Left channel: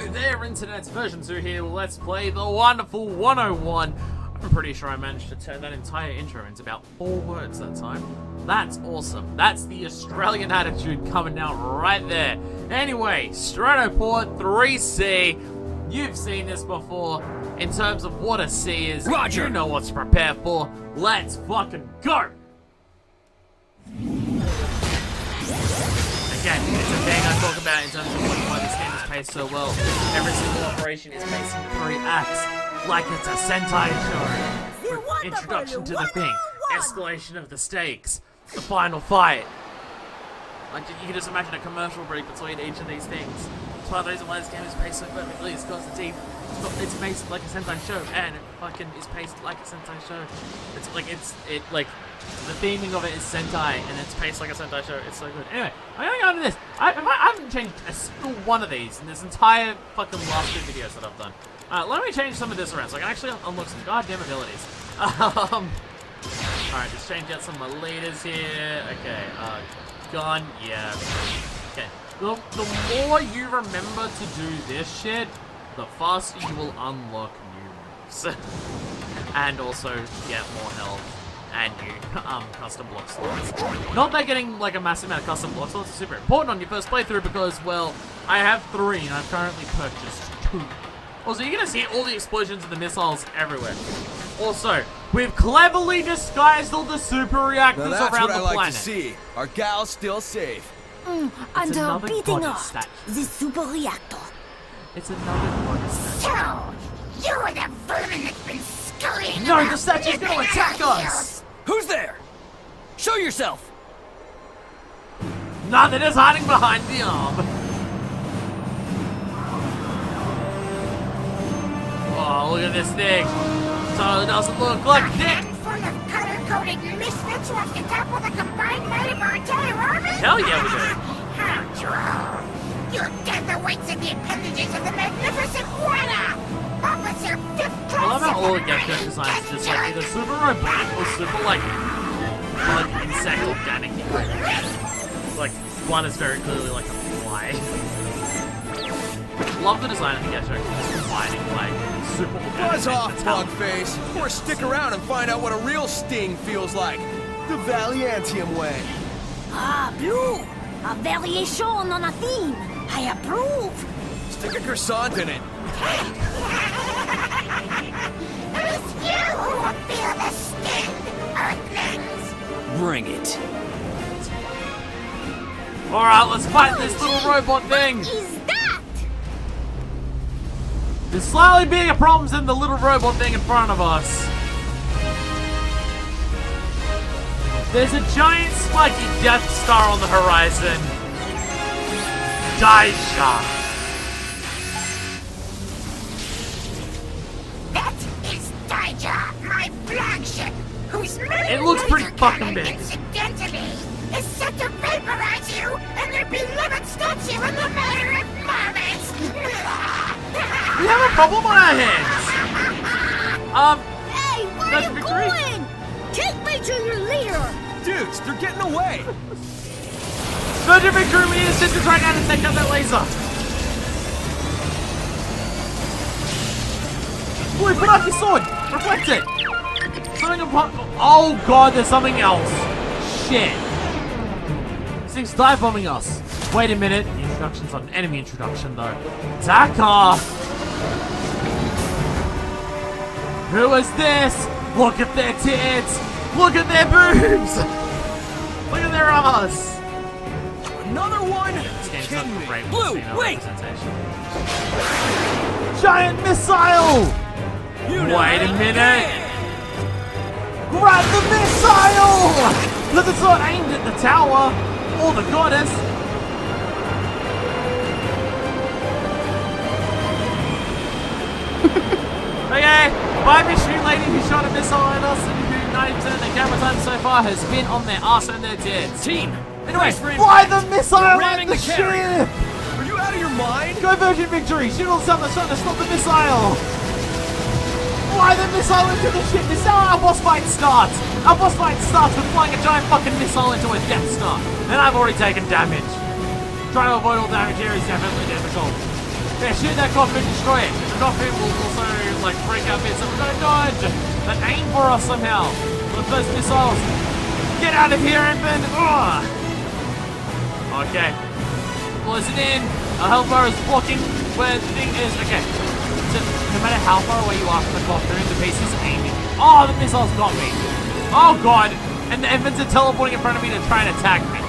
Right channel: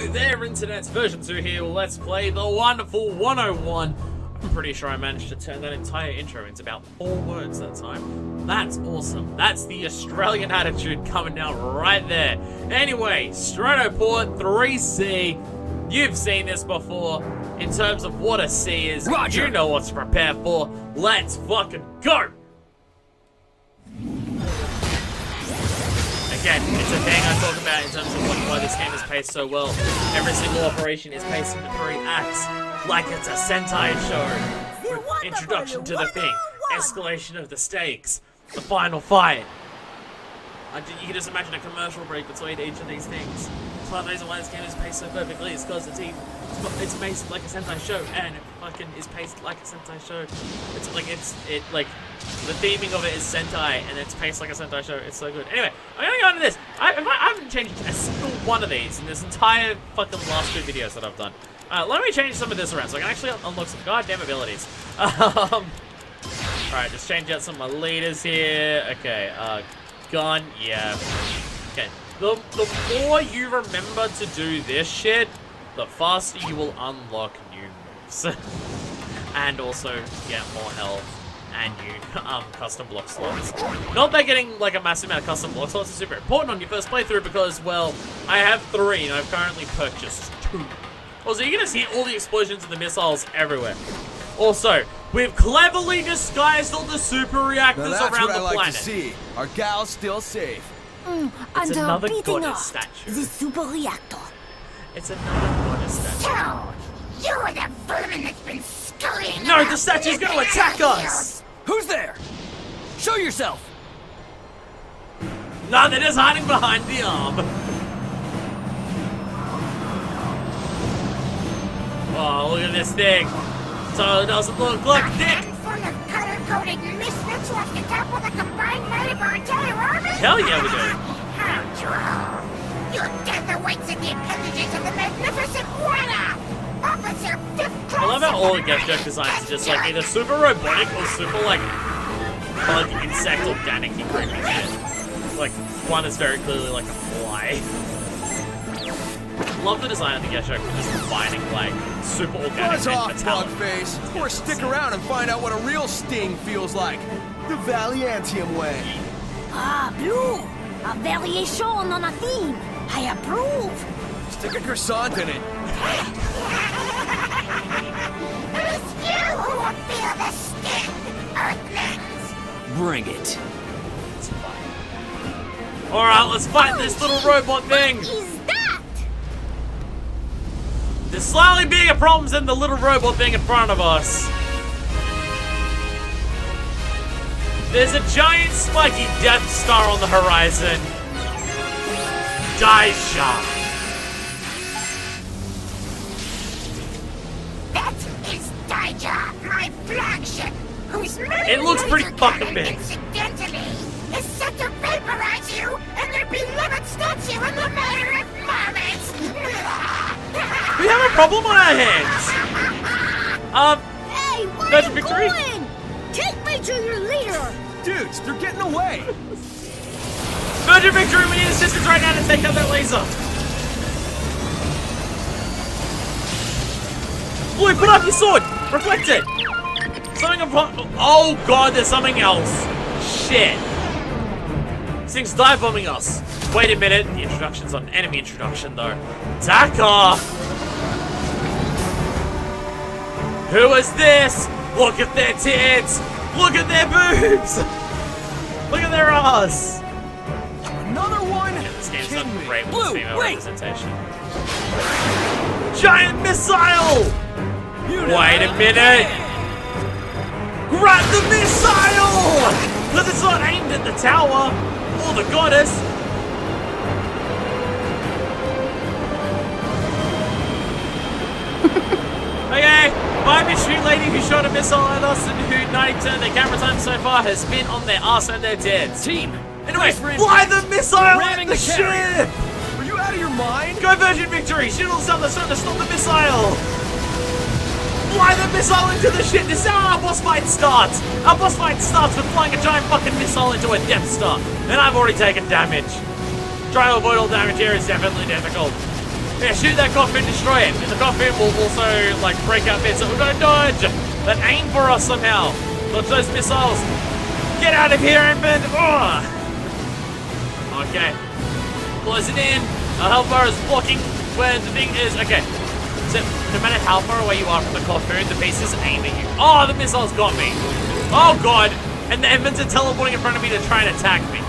Hello there, Internet's version 2 here. Let's play the wonderful 101. I'm pretty sure I managed to turn that entire intro into about 4 words that time. That's awesome. That's the Australian attitude coming out right there. Anyway, Stratoport 3C. You've seen this before. In terms of what a C is, Roger. You know what to prepare for. Let's fucking go! Again, it's a thing I talk about in terms of why this game is paced so well. Every single operation is paced into 3 acts, like it's a Sentai show. With introduction to the thing, escalation of the stakes, the final fight. You can just imagine a commercial break between each of these things. It's one of the reasons why this game is paced so perfectly, is because it's paced like a Sentai show, and it fucking is paced like a Sentai show. It's like the theming of it is Sentai, and it's paced like a Sentai show. It's so good. Anyway, I'm gonna go into this. I haven't changed a single one of these in this entire fucking last 2 videos that I've done. Let me change some of this around so I can actually unlock some goddamn abilities. Alright, just change out some of my leaders here. Okay, gun, yeah. Okay, the more you remember to do this shit, the faster you will unlock new moves. And also get more health and new custom block slots. Not that getting like a massive amount of custom block slots is super important on your first playthrough because, well, I have 3 and I've currently purchased 2. Also, you're gonna see all the explosions and the missiles everywhere. Also, we've cleverly disguised all the super reactors around the planet. That's what I like to see. Our gal's still safe. And beating off the super reactor. It's another goddess statue. So, you are the vermin that's been scurrying No, around the statue's the gonna attack us! Who's there? Show yourself. Nah, they're just hiding behind the arm. Oh, look at this thing. So it doesn't look like A dick. handful of color-coded misfits wants to topple the combined might of our entire army? Hell yeah, we do. How droll. Your death awaits in the appendages of the magnificent Wada! Officer 5th Class. I love how all the get joke designs are just like either super robotic or super like bug, insect, organic ingredients. Like one is very clearly like a fly. Love the design of the get joke, just combining like super organic Buzz and off, metallic. Bugface. Or stick around and find out what a real sting feels like. The Valiantium way. Ah, Blue! A variation on a theme. I approve. Stick a croissant in it. It's you who will feel the sting, Earthlings! Bring it. Alright, let's fight this little robot thing! What is that? There's slightly bigger problems than the little robot thing in front of us. There's a giant spiky Death Star on the horizon. Daisha. That is Daija, my flagship, whose many It looks pretty laser fucking cannon, big. incidentally, is set to vaporize you and their beloved statue in the matter of moments. We have a problem on our hands. Hey, where That's are you victory. going? Take me to your leader. Dudes, they're getting away. Virgin Victory, we need assistance right now to take out that laser. Boy, put up your sword. Reflect it. Something upon. Oh god, there's something else. Shit. This thing's dive bombing us. Wait a minute. The introduction's an enemy introduction though. Taka. Who is this? Look at their tits. Look at their boobs. Look at their ass. Another one? This game's Kidding not me. great with Blue, female wait. representation. Giant missile! You know Wait a it. minute! Grab the missile! Because it's not aimed at the tower or the goddess. Okay, by mystery lady who shot a missile at us and who 90% of their camera time so far has been on their ass and their tits. Team. Anyway, nice for fly impact. the missile We're at ramming the the carrier. ship! Are you out of your mind? Go Virgin Victory! Shoot all something that's trying to stop the missile! Fly the missile into the ship! This is how our boss fight starts! Our boss fight starts with flying a giant fucking missile into a Death Star. And I've already taken damage. Trying to avoid all damage here is definitely difficult. Yeah, shoot that coffin, destroy it. The coffin will also, like, break out bits. So we're gonna dodge. But aim for us somehow. Dodge those missiles. Get out of here, infant. Ugh. Okay. Close it in. Our health bar is blocking where the thing is. Okay. So, no matter how far away you are from the coffin, the base is aiming you. Oh, the missiles got me. Oh, God. And the infants are teleporting in front of me to try and attack me.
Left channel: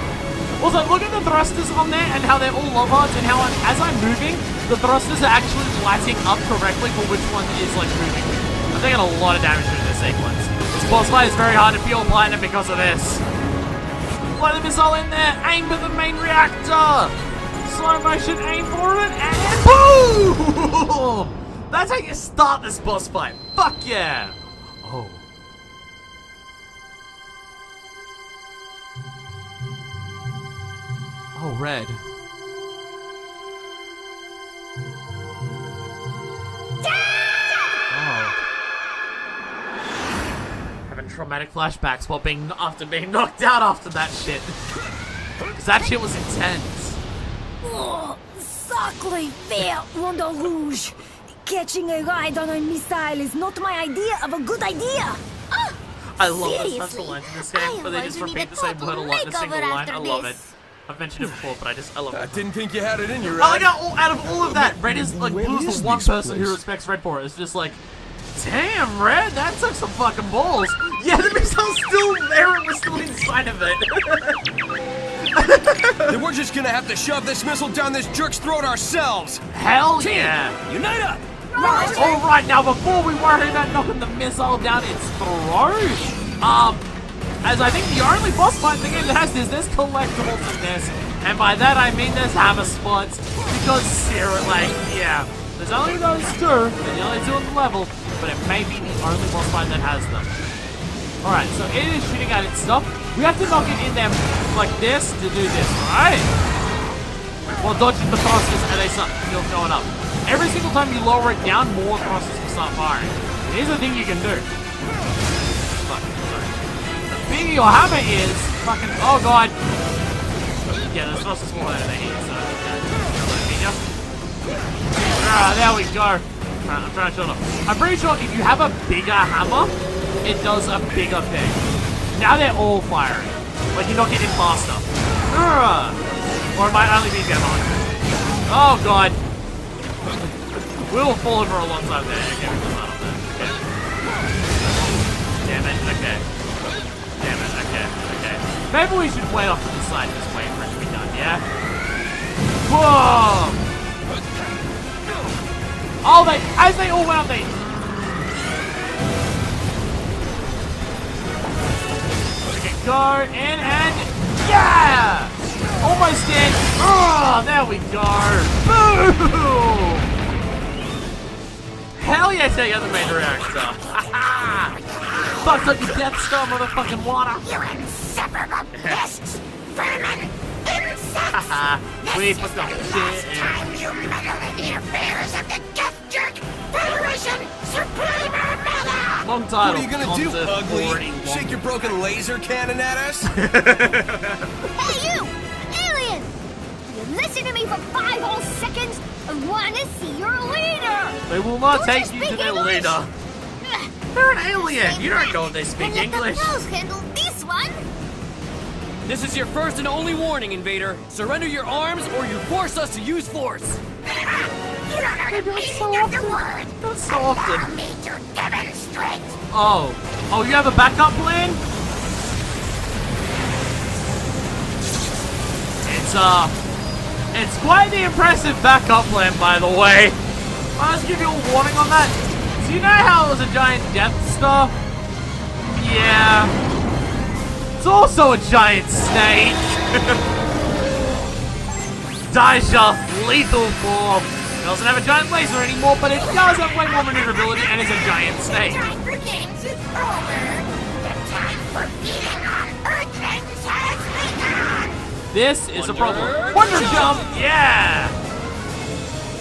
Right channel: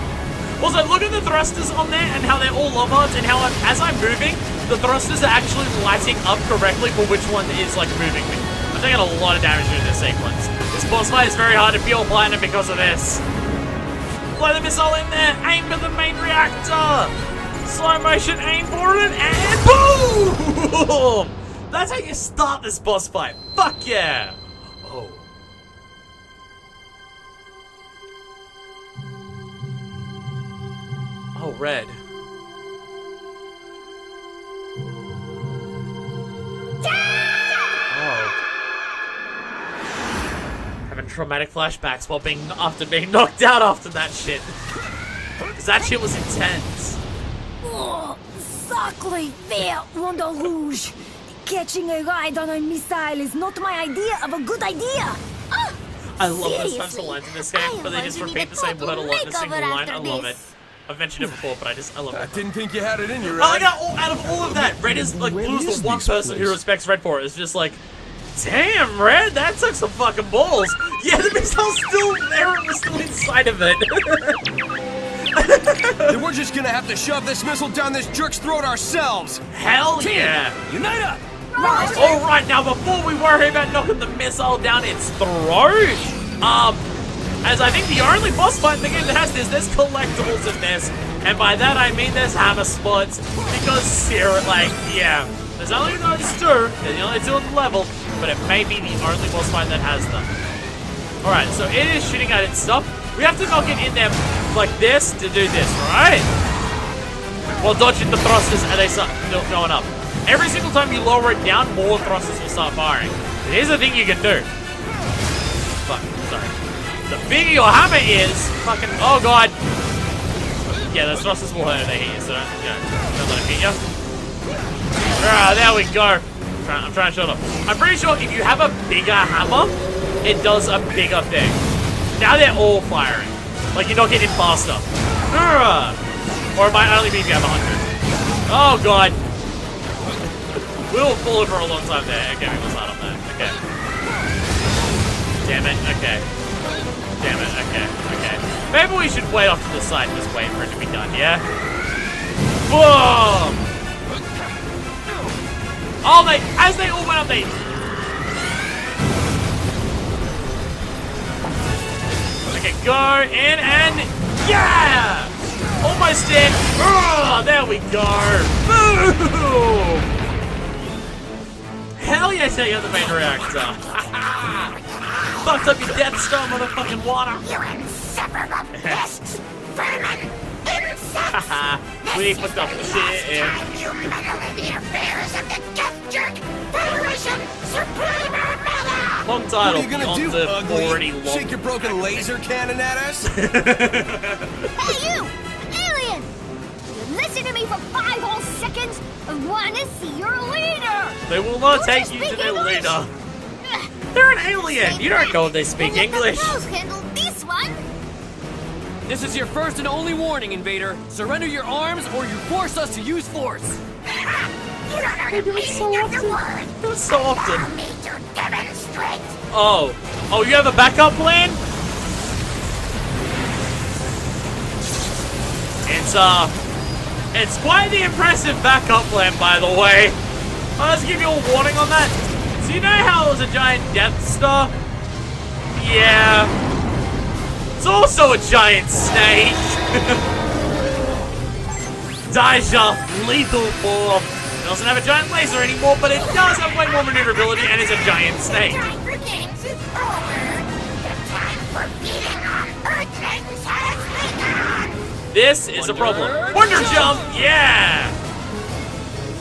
Also, look at the thrusters on there and how they're all lobhards and how as I'm moving, the thrusters are actually lighting up correctly for which one is, like, moving me. I'm taking a lot of damage in this sequence. This boss fight is very hard to pure platinum because of this. Blow the missile in there. Aim for the main reactor. Slow motion, aim for it, and boom! That's how you start this boss fight. Fuck yeah! Oh. Oh, red. Oh. Having traumatic flashbacks while after being knocked out after that shit. Because that shit was intense. Oh, sacre vert, Rondo Rouge. Catching a ride on a missile is not my idea of a good idea. I love the Seriously, special lines in this game, but they just repeat the same word a lot in a single line. I love it. I've mentioned it before, but I love I it. didn't think you had it in you, I Red. like how out of all of that, Red is like When blue's is the one this person who place? respects Red for it. It's just like, damn, Red, that took some fucking balls. Yeah, the missile's still there. It was still inside of it. Then we're just gonna have to shove this missile down this jerk's throat ourselves. Hell yeah. Unite up! All right, now before we worry about knocking the missile down its throat, as I think the only boss fight in the game that has this, there's collectibles in this, and by that I mean there's hammer spots, because yeah, there's only those two, they're the only two on the level, but it may be the only boss fight that has them. All right, so it is shooting at its stuff. We have to knock it in there like this to do this, right? While dodging the thrusters and they start going up. Every single time you lower it down, more thrusters will start firing. Here's the thing you can do. Fuck, sorry. The bigger your hammer is, fucking, oh god. Yeah, the thrusters will hurt at here, so, yeah, don't let it hit you. Ah, there we go. I'm trying to shut up. I'm pretty sure if you have a bigger hammer, it does a bigger thing. Now they're all firing. Like, you're not getting faster. Or it might only be if you have 100. Oh god. We'll fall for a long time there. Okay, we must start on that. Okay. Damn it. Okay. Damn it. Okay. Okay. Maybe we should wait off to the side and just wait for it to be done, yeah? Whoa! Oh, as they all went up, they... Okay, go in and... Yeah! Almost in. Oh, there we go. Boom! Hell yes, I got the main reactor. Fucked up your Death Star, motherfucking water. You insufferable pests, vermin, insects! We put the Last shit in. time you meddle in the affairs of the Death Jerk Federation Supreme Armada! Long title. What are you gonna do, ugly? Shake your broken laser cannon at us? Hey, you! Alien! You listen to me for 5 whole seconds and want to see your leader! They will not Don't you take you to speak their English? leader. They're an alien. You don't know if they speak Then let English. the pros handle this one! This is your first and only warning, Invader. Surrender your arms or you force us to use force. You don't know the meaning of the word! That's so often. Allow me to demonstrate! Oh. Oh, you have a backup plan? It's quite the impressive backup plan, by the way. I'll just give you a warning on that. So you know how it was a giant Death Star? Yeah. It's also a giant snake. Daisha, lethal form. It doesn't have a giant laser anymore, but it does have way more maneuverability and is a giant The snake. time for games is over! The time for beating on Earthlings has begun! This is a Wonder problem. Wonder Jump! Jump, yeah!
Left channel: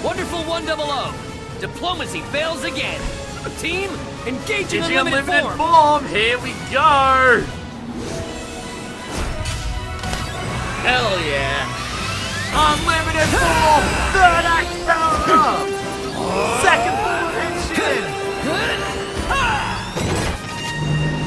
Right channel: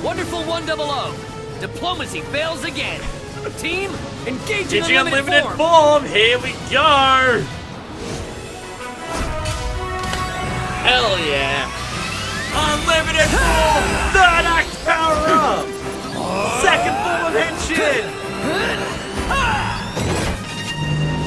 Wonderful 100. Diplomacy fails again. Team, engaging Engaging unlimited unlimited form. form, here we go! Hell yeah! Unlimited form! Third act power up! Second form of henshin!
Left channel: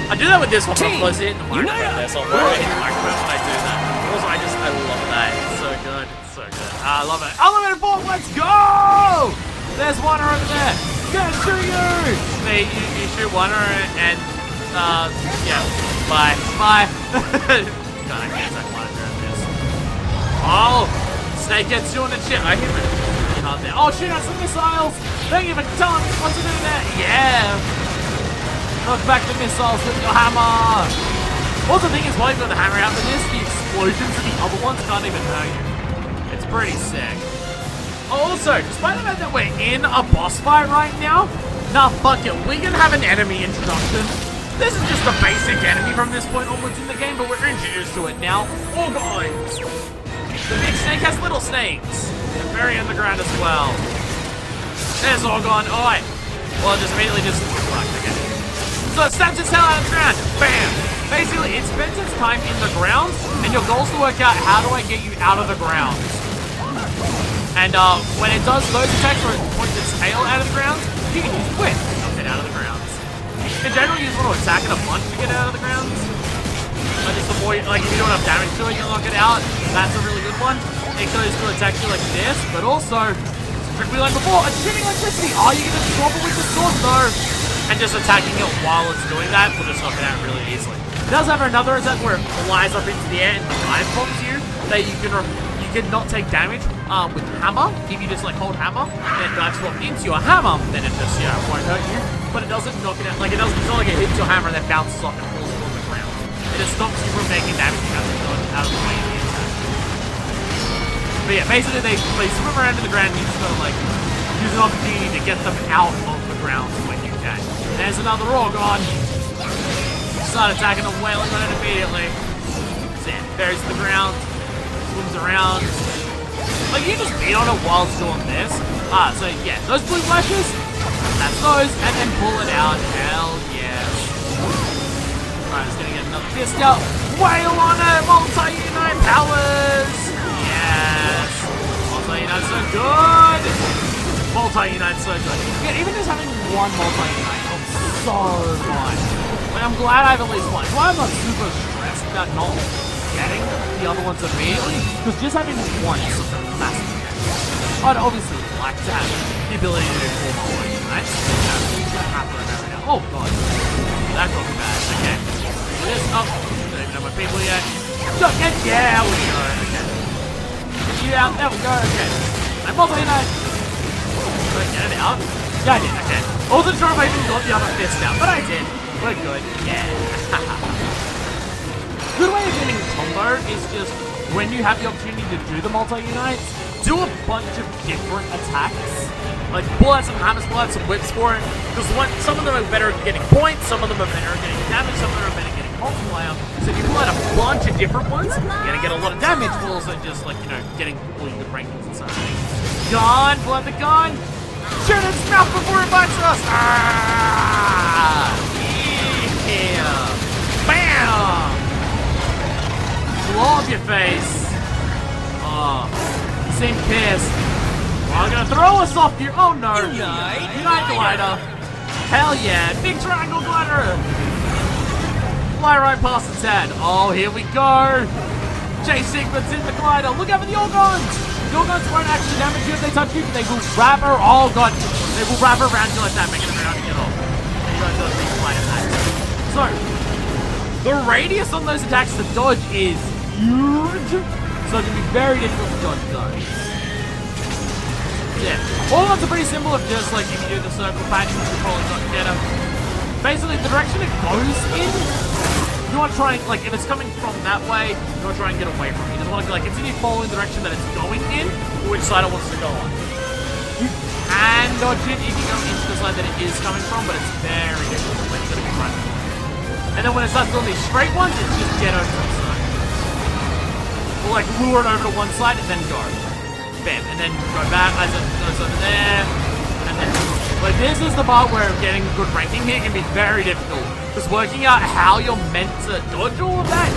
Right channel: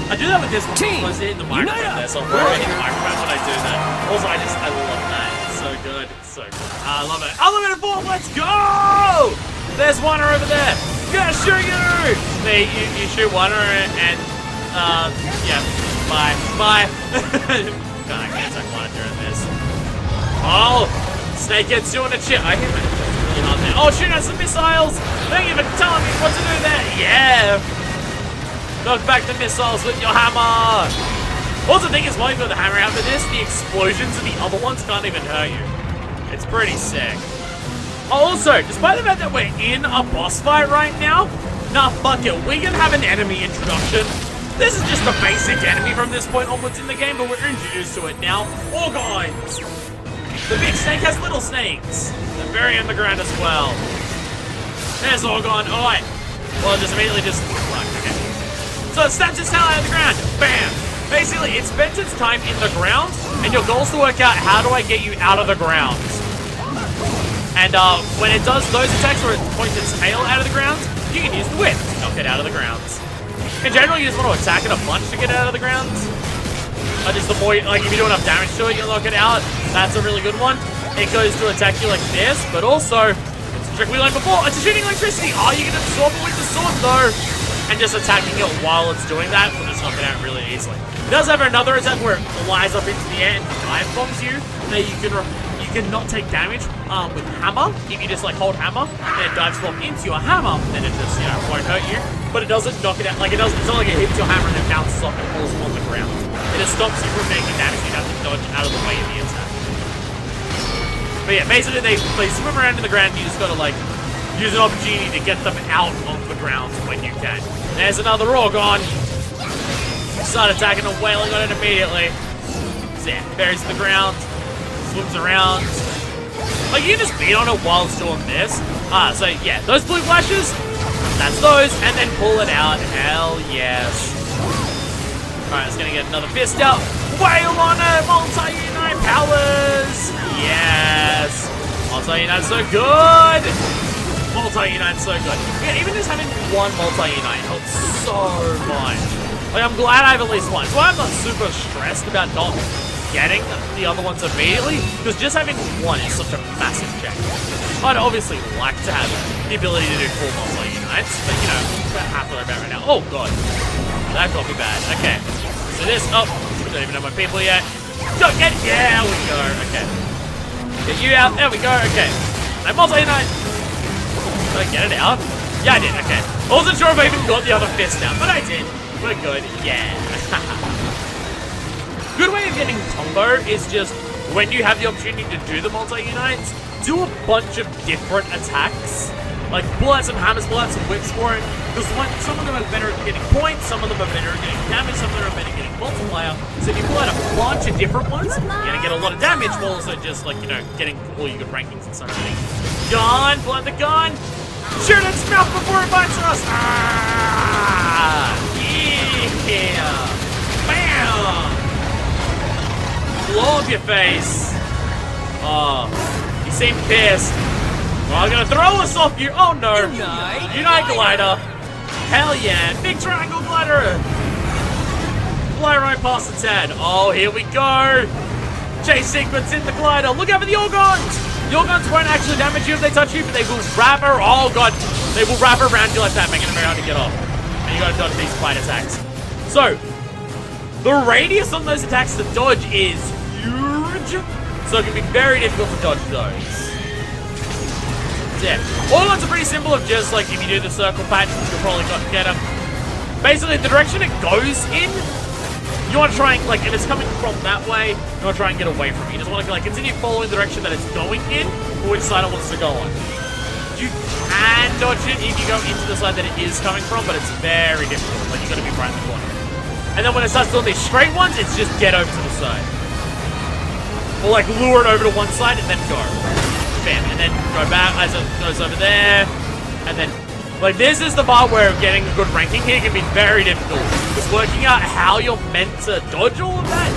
I do that with this one. I'm supposed to hit the microphone there, so I'm hitting the microphone when I do that. Also, I love that. It's so good. It's so good. I love it. Unlimited form, let's go! There's one over there. Gonna shoot you! You shoot one and, yeah. Bye. Bye. God, I can't attack one during this. Oh! Snake gets you on the chip. I hit him really hard there. Oh, shooting at some missiles! Thank you for telling me what to do there. Yeah! Knock back the missiles with your hammer! Also, the thing is, while you've got the hammer out for this, the explosions of the other ones can't even hurt you. It's pretty sick. Also, despite the fact that we're in a boss fight right now, nah, fuck it, we can have an enemy introduction. This is just a basic enemy from this point onwards in the game, but we're introduced to it now. Orgons! The big snake has little snakes. They're very underground as well. There's Orgon. Alright. Well, just immediately just... Okay. So it stabs its tail out of the ground. Bam! Basically, it spends its time in the ground, and your goal is to work out how do I get you out of the ground. And when it does those attacks where it points its tail out of the ground, you can use the whip to knock it out of the ground. In general, you just want to attack it a bunch to get it out of the ground. Just avoid, like, if you do enough damage to it, you'll knock it out. That's a really good one. It goes to attack you like this, but also, it's a trick we learned before, it's shooting electricity. Oh, you can swap it with the sword, though. And just attacking it while it's doing that will just knock it out really easily. It does have another attack where it flies up into the air and dive bombs you. That you can not take damage with hammer. If you just like hold hammer, and it dives bomb into your hammer, then it just won't hurt you. But it doesn't knock it out. Like it's not like it hits your hammer and then bounces off and falls on the ground. It just stops you from making damage. You have to dodge out of the way in the attack. But yeah, basically they swim around in the ground. And you just gotta like use an opportunity to get them out of the ground when you can. There's another Orgon. Start attacking and wailing on it immediately. Zap, buries the ground, swims around. Like you can just beat on it while it's doing this. So yeah, those blue flashes, that's those, and then pull it out. Hell yes. Alright, it's gonna get another fist out. Wail on it! Multi-unite powers! Yes! Multi-unite's so good! Multi-unite's so good. Yeah, even just having one multi-unite helps so much. Like, I'm glad I have at least one. So I'm not super stressed about not getting the other ones immediately, because just having one is such a massive change. I'd obviously like to have the ability to do 4 multi-unites, but you know, I'm happy about right now. Oh god. That got me bad. Okay. So this, oh, don't even know my people yet. Don't get, yeah, we go. Okay. Get you out, there we go, okay. No multi-unite. Did I get it out? Yeah, I did, okay. I wasn't sure if I even got the other fist out, but I did. We're good, yeah. Good way of getting combo is just, when you have the opportunity to do the multi-unites, do a bunch of different attacks. Like, pull out some hammers, pull out some whips for it. Because some of them are better at getting points, some of them are better at getting damage, some of them are better at getting multiplier. So if you pull out a bunch of different ones, you're gonna get a lot of damage, but also just like, you know, getting all your good rankings and stuff. Gun, pull out the gun. Shoot its mouth before it bites us! Ah! Yeah! Bam! Blow up your face! Oh, you seem pissed. Well, I'm gonna throw us off you! Oh no! Unite glider! Hell yeah! Big triangle glider! Fly right past its head. Oh, here we go! Chase sequence in the glider! Look out for the Orgons! The Orgons won't actually damage you if they touch you, but they will wrap her. Oh god, they will wrap around you like that, making it very hard to get off. And you gotta dodge these flight attacks. So, the radius on those attacks to dodge is huge, so it can be very difficult to dodge those. Yeah, Orgons are pretty simple of just like if you do the circle patch, you'll probably not get them. Basically, the direction it goes in, you want to try and, like, if it's coming from that way, you want to try and get away from it. You just want to, like, continue following the direction that it's going in, or which side it wants to go on. You can dodge it if you go into the side that it is coming from, but it's very difficult. Like, you got to be right in the corner. And then when it starts doing these straight ones, it's just get over to the side. Or, like, lure it over to one side and then go. Bam. And then go back, as it goes over there, and then... Like, this is the part where getting a good ranking here can be very difficult. Because working out how you're meant to dodge all of that,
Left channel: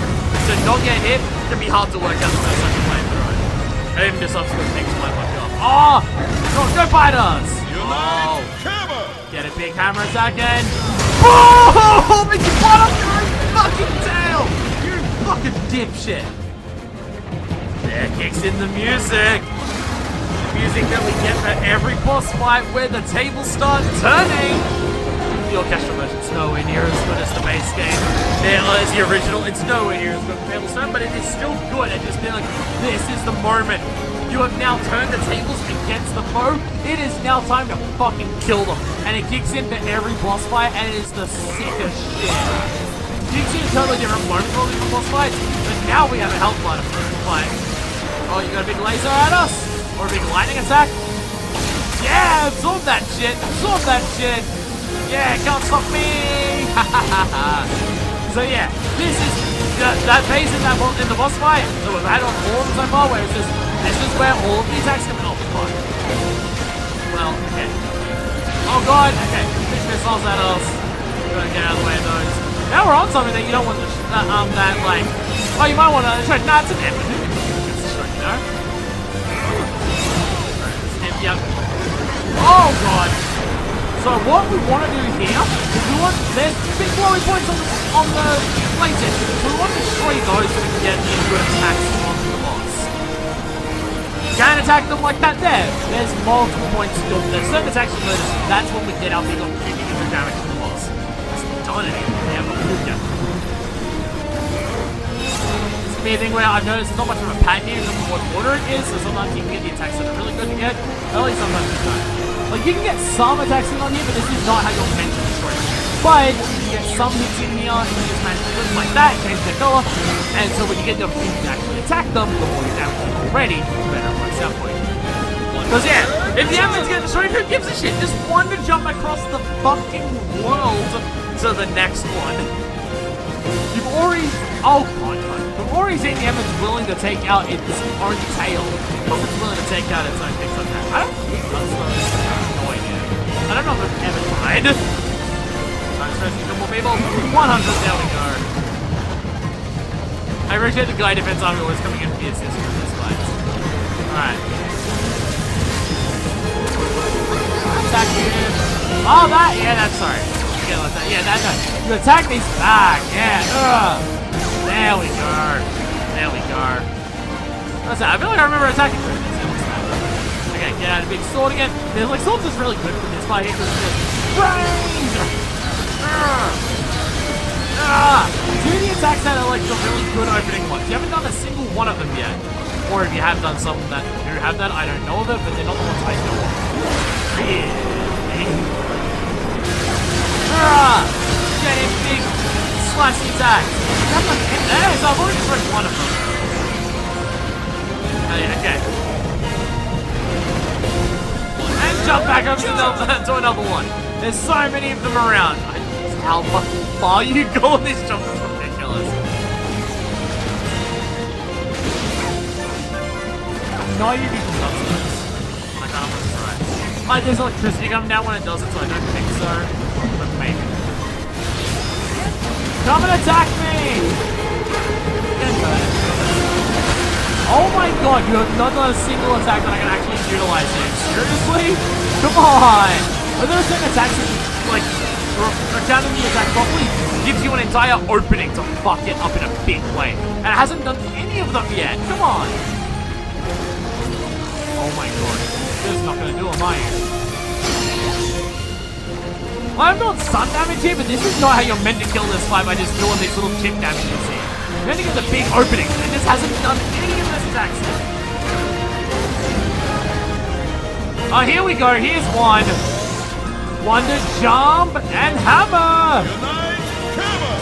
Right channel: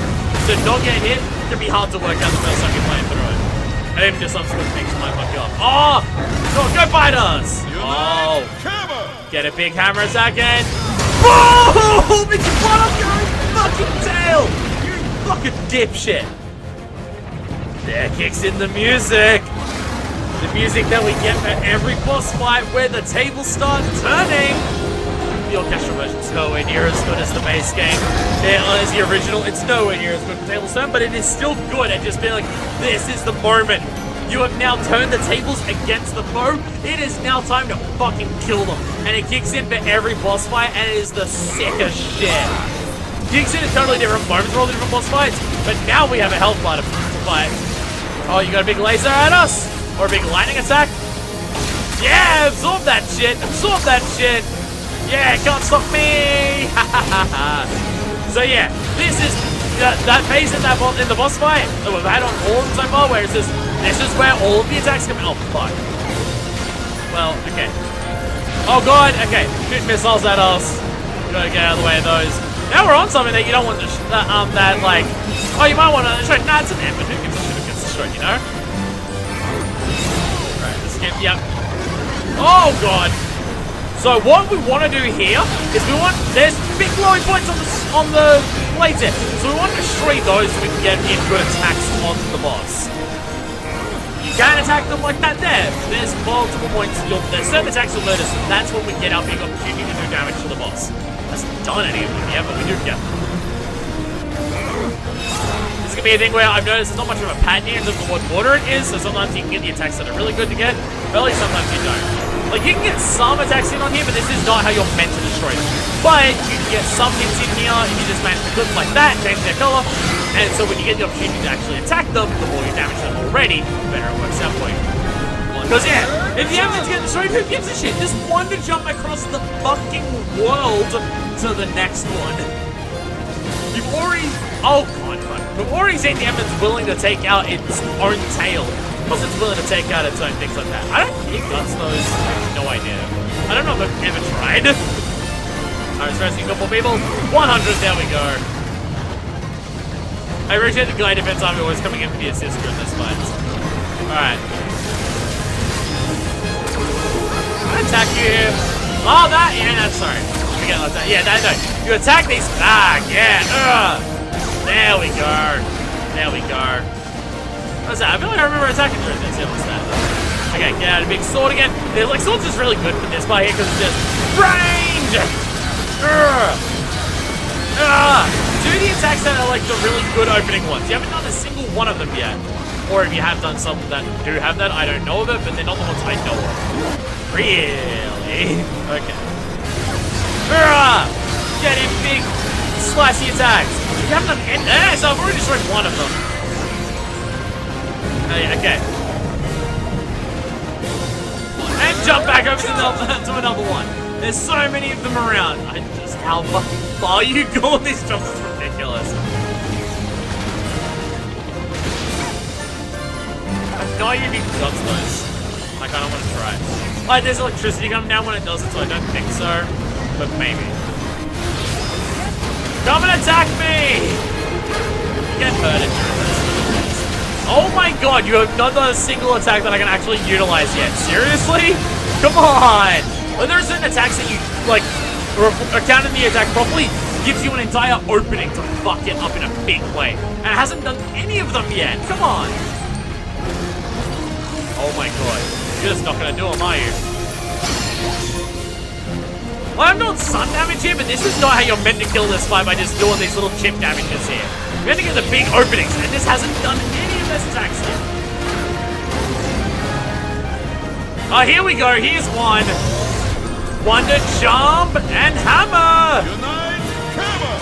to not get hit, can be hard to work out the first time you play through it. And even just subsequent things might fuck you up. Oh! Go fight us! Oh! Get a big hammer attack again. Oh! Make you blood up your fucking tail! You fucking dipshit! There kicks in the music. The music that we get for every boss fight where the tables start turning. The orchestral version's nowhere near as good as the base game. As the original, it's nowhere near as good as tables turn, but it is still good at just being like, this is the moment. You have now turned the tables against the foe. It is now time to fucking kill them. And it kicks in for every boss fight, and it is the sickest shit. Kicks in a totally different moment for all different boss fights, but now we have a health bar to fight. Oh, you got a big laser at us? Or a big lightning attack? Yeah, absorb that shit. Absorb that shit. Yeah, can't stop me. So yeah, this is that phase in the boss fight that we've had on all of them so far, where it's just this is where all of the attacks come in. Oh fuck. Well, okay. Oh god. Okay, shoot missiles at us. We gotta get out of the way of those. Now we're on something that you don't want to that like. Oh, you might want to destroy. Nah, it's an end, but who gets destroyed, you know? Right, let's get, yep. Oh god. So what we want to do here is there's big glowing points on the plates here. So we want to destroy those so we can get in good attacks onto the boss. You can't attack them like that there. There's multiple points. There's certain attacks you'll notice. That's when we get our big opportunity to do damage to the boss. Hasn't done any of them yet, but we do get them. It's going to be a thing where I've noticed there's not much of a pattern here in terms of what order it is, so sometimes you can get the attacks that are really good to get, but at least sometimes you don't. Like, you can get some attacks in on here, but this is not how you're meant to destroy it. But you can get some hits in here, and you just manage to flip like that, change their color, and so when you get the opportunity to actually attack them, the more you damage them already, the better it works out for you. Because yeah, if the enemy's getting destroyed, who gives a shit? Just one to jump across the fucking world to the next one. You've already... Oh, God. You've already seen the enemy's willing to take out its own tail. Plus it's willing to take out its own things like that. I don't think that's those. No idea. I don't know if I've ever tried. Alright, stressing a couple people. 100, there we go. I appreciate the guy defense army always coming in for the assist for this fight. Alright. Attack you. Oh, that? Yeah, that's sorry. Forget about that. Yeah, that, no. You attack these back. Yeah. There we go. There we go. What's that? I feel like I remember attacking through this. Yeah, what's that? Okay, get out a big sword again. There's like swords is really good for this part here because it's just range. Do the attacks that are like the really good opening ones. You haven't done a single one of them yet. Or if you have done some that do have that, I don't know of it, but they're not the ones I know of. Really? Okay. Get in big slashy attacks. You haven't done any, so I've already destroyed one of them. Okay. And jump back over to another one. There's so many of them around. Just how fucking far you go on these jumps is ridiculous. No, you need to dodge those. I kind of want to try. Like, there's electricity coming down when it does it, so I don't think so. But maybe. Come and attack me! Get hurt. Oh my god, you have not done a single attack that I can actually utilize yet. Seriously? Come on! Are there certain attacks that you, like, or counting the attack properly, gives you an entire opening to fuck it up in a big way. And it hasn't done any of them yet. Come on! Oh my god. You're just not gonna do them, are you? Well, I'm doing sun damage here, but this is not how you're meant to kill this fight by just doing these little chip damages here. You're meant to get the big openings, and this hasn't done any of this attacks yet. Oh, here we go. Here's one. One to jump and hammer. Unite, hammer.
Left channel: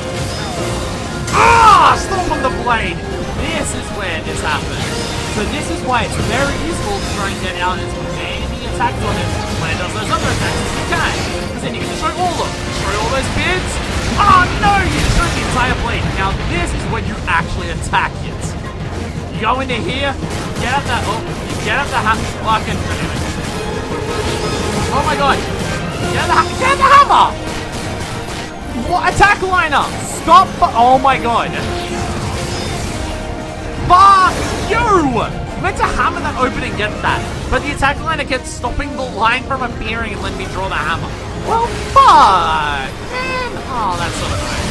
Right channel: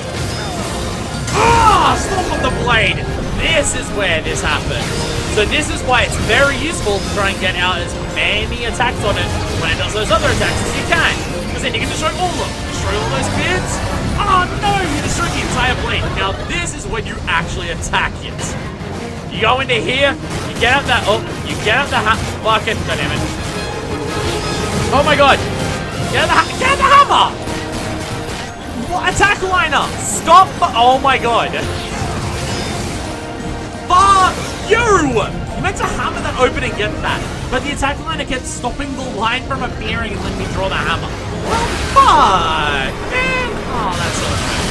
Ah, stomp on the blade. This is where this happens. So this is why it's very useful to try and get out as many attacks on it when it does those other attacks as you can. Because then you can destroy all of them. Destroy all those bits. Oh no, you destroyed the entire blade. Now this is when you actually attack it. You go into here, you get out that, you get out the fucking, damn it. Oh my god. Get out the hammer! What? Attack liner! Stop! Oh my god. Fuck you! You meant to hammer that open and get that, but the attack liner kept stopping the line from appearing and letting me draw the hammer. Well, fuck, man. Oh, that's so annoying.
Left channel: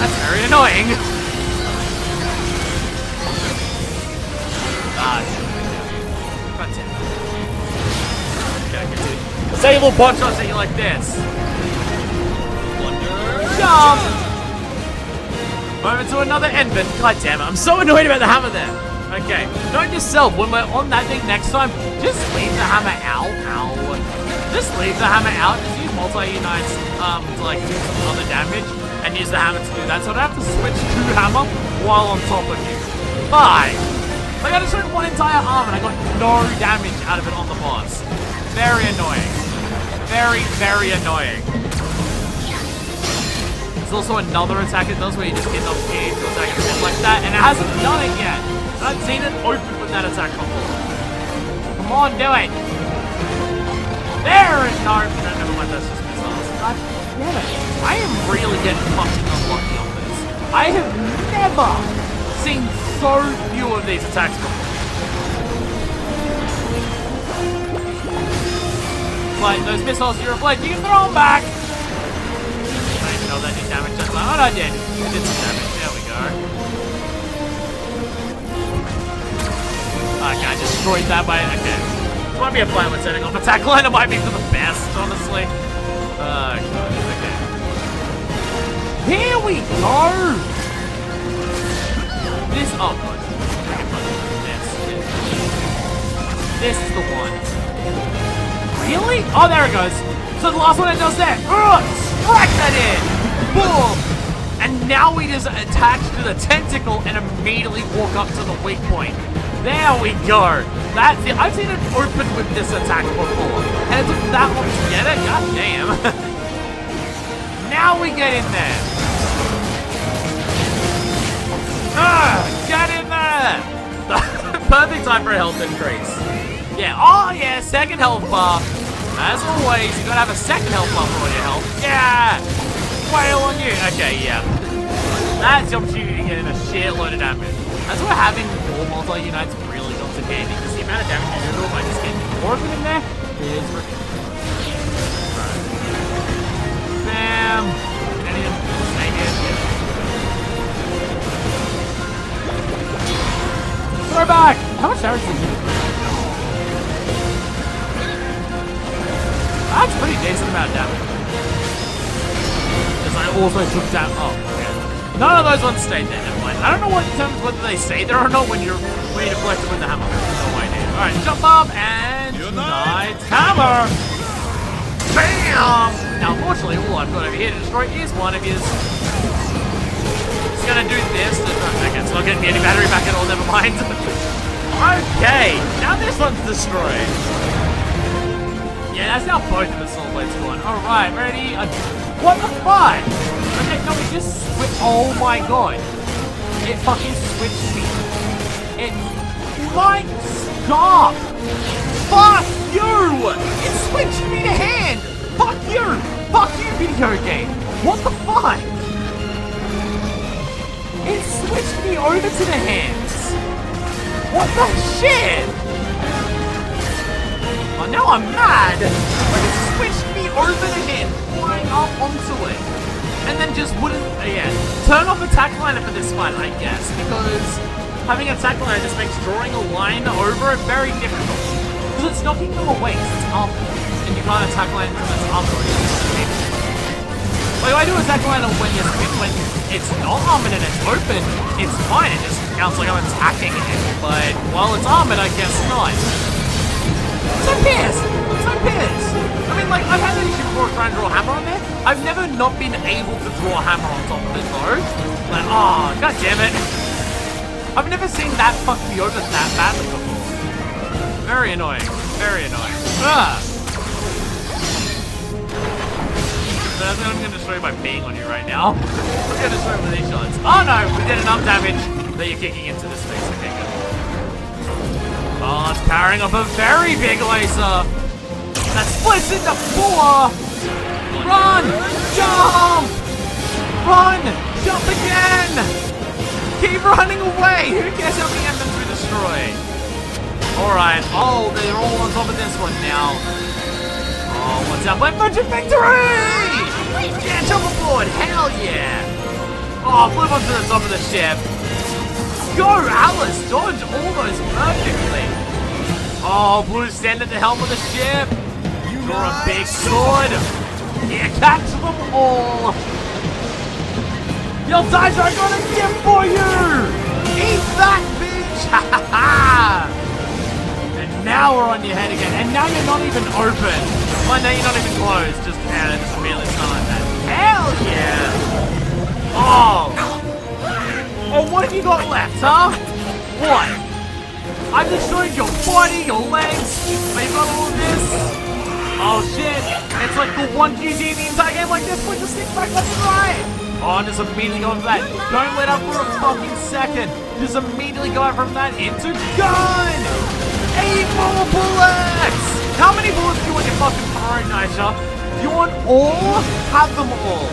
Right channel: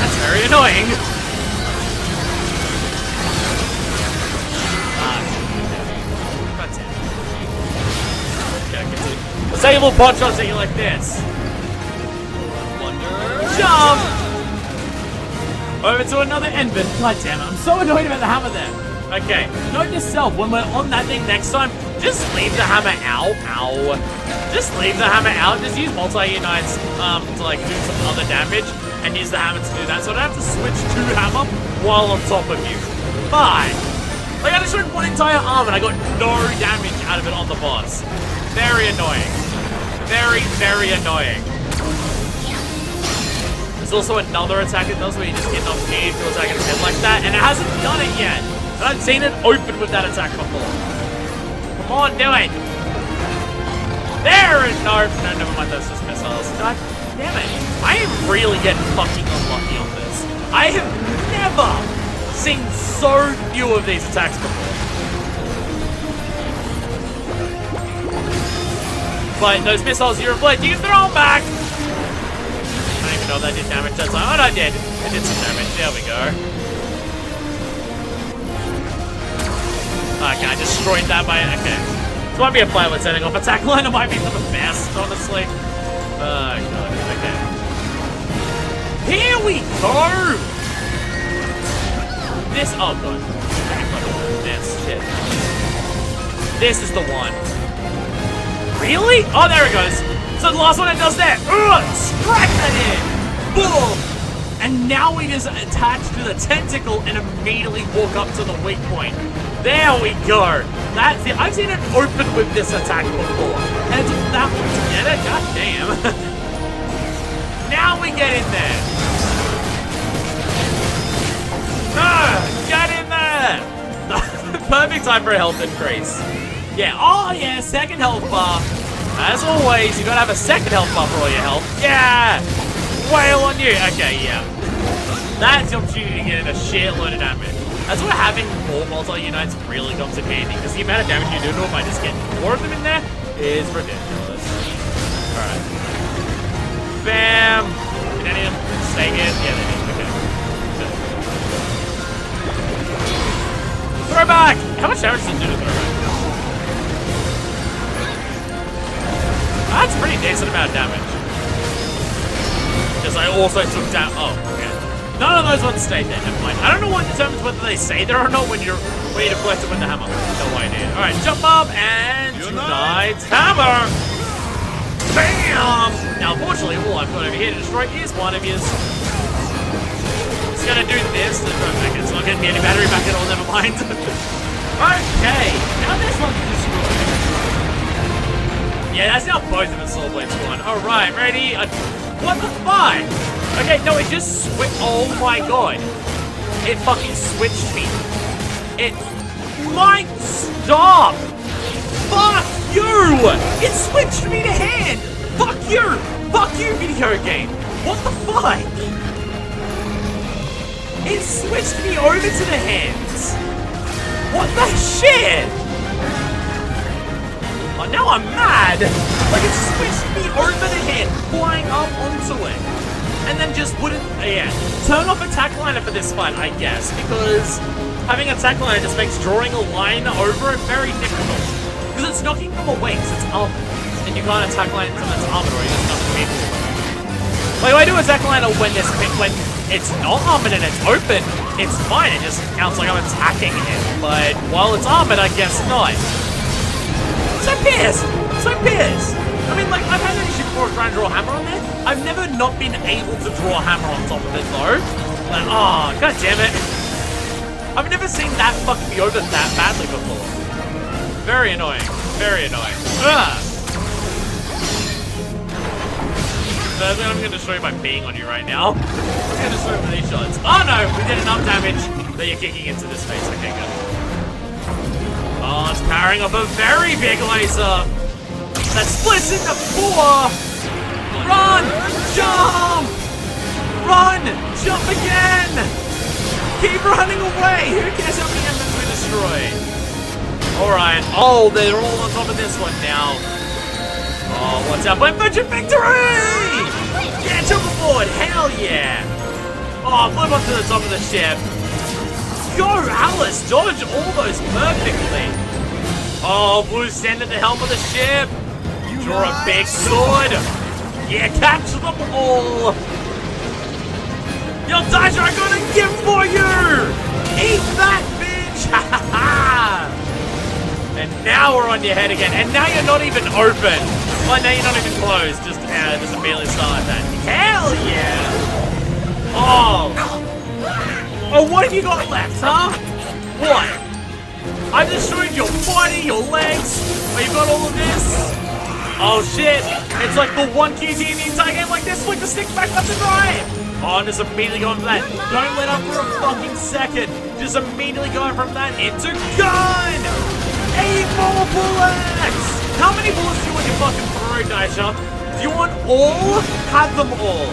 That's very annoying. That's it. Okay, continue. Disable bot shots at you like this. Jump! Over to another Envin. God damn it, I'm so annoyed about the hammer there. Okay, note yourself, when we're on that thing next time, just leave the hammer out. Ow. Just leave the hammer out. Just use multi-unites to like do some other damage and use the hammer to do that. So I don't have to switch to hammer while on top of you. Bye. Like I just went one entire arm and I got no damage out of it on the boss. Very annoying. Very, very annoying. There's also another attack it does where you just get enough speed to attack its head like that, and it hasn't done it yet. I haven't seen it open with that attack before. Come on, do it! There it no, never mind, that's just missiles. God damn it. I am really getting fucking unlucky on this. I have never seen so few of these attacks before. But those missiles you reflect, you can throw them back! I don't even know if that did damage that time. Oh, I did. It did some damage. There we go. Okay, I destroyed that by... Okay. This might be a pilot setting off. Attack line might be for the best, honestly. Oh, God. Okay. Here we go! This... Oh, God. This. Yeah. This is the one. Really? Oh, there it goes. So the last one it does that. Strike that in. Boom. And now we just attach to the tentacle and immediately walk up to the weak point. There we go. That's it. I've seen it open with this attack before. And it took that one to get it. God damn. Now we get in there. Get in there. Perfect time for a health increase. Yeah, oh yeah, second health bar. As always, you gotta have a second health bar for all your health. Yeah! Wail on you! Okay, yeah. That's the opportunity to get in a shitload of damage. That's where having more multi-unites really comes in handy, because the amount of damage you do to them by just getting more of them in there is ridiculous. Alright. Bam! Can any of them stay in? Yeah. Throw back! How much damage did you do to me? That's a pretty decent amount of damage. Because I also took down... Oh, okay. None of those ones stayed there, never mind. I don't know what determines whether they stay there or not when you deflect it with the hammer. No idea. Alright, jump up and tonight hammer! Bam! Now, unfortunately, all I've got over here to destroy is one of his. It's gonna do this. Okay, it's not getting me any battery back at all, never mind. Okay, now this one's destroyed. Yeah, that's now both of the soul blades gone. Alright, ready? What the fuck? Okay, no, it just switched. Oh my god. It fucking switched me. It might stop. Fuck you! It switched me to hand. Fuck you! Fuck you, video game! What the fuck? It switched me over to the hands. What the shit? Oh, now I'm mad! Like, it switched me over the head, flying up onto it. And then just wouldn't, yeah. Turn off attack liner for this fight, I guess, because having attack liner just makes drawing a line over it very difficult. Because it's knocking them away, because it's armored. And you can't attack liner until it's armored, or you're not able to. Like, I do attack liner when it's not armored and it's open, it's fine, it just counts like I'm attacking it. But while it's armored, I guess not. So pissed! So pissed! I mean, like, I've had that issue before trying to draw a hammer on there. I've never not been able to draw a hammer on top of it, though. Like, oh, god damn it. I've never seen that fuck me over that badly before. Very annoying. Very annoying. Ugh! So I'm going to destroy you by being on you right now. I'm going to destroy with these shots. Oh no! We did enough damage that you're kicking into this space. Okay, good. Oh, it's powering up a very big laser that splits into 4. Run! Jump! Run! Jump again! Keep running away! Who cares how many enemies we destroy? Alright. Oh, they're all on top of this one now. Oh, what's up? Virgin victory! Yeah, jump aboard! Hell yeah! Oh, flip onto the top of the ship. Go, Alice! Dodge all those perfectly. Oh, Blue, stand at the helm of the ship. Draw a big sword. Yeah, catch them all. Yo, Daija, I got a gift for you! Eat that, bitch! Ha ha ha! And now we're on your head again. And now you're not even open. Well, now you're not even closed. Just immediately start that. Hell yeah! Oh! Oh, what have you got left, huh? What? I've destroyed your body, your legs. Oh, you got all of this? Oh shit! It's like the one QT in the entire game, like this, flick the stick back left and right! Oh, and just immediately going for that. Don't let up for a fucking second. Just immediately going from that into gun! 8 more bullets! How many bullets do you want your fucking throw, Daija? Do you want all? Have them all.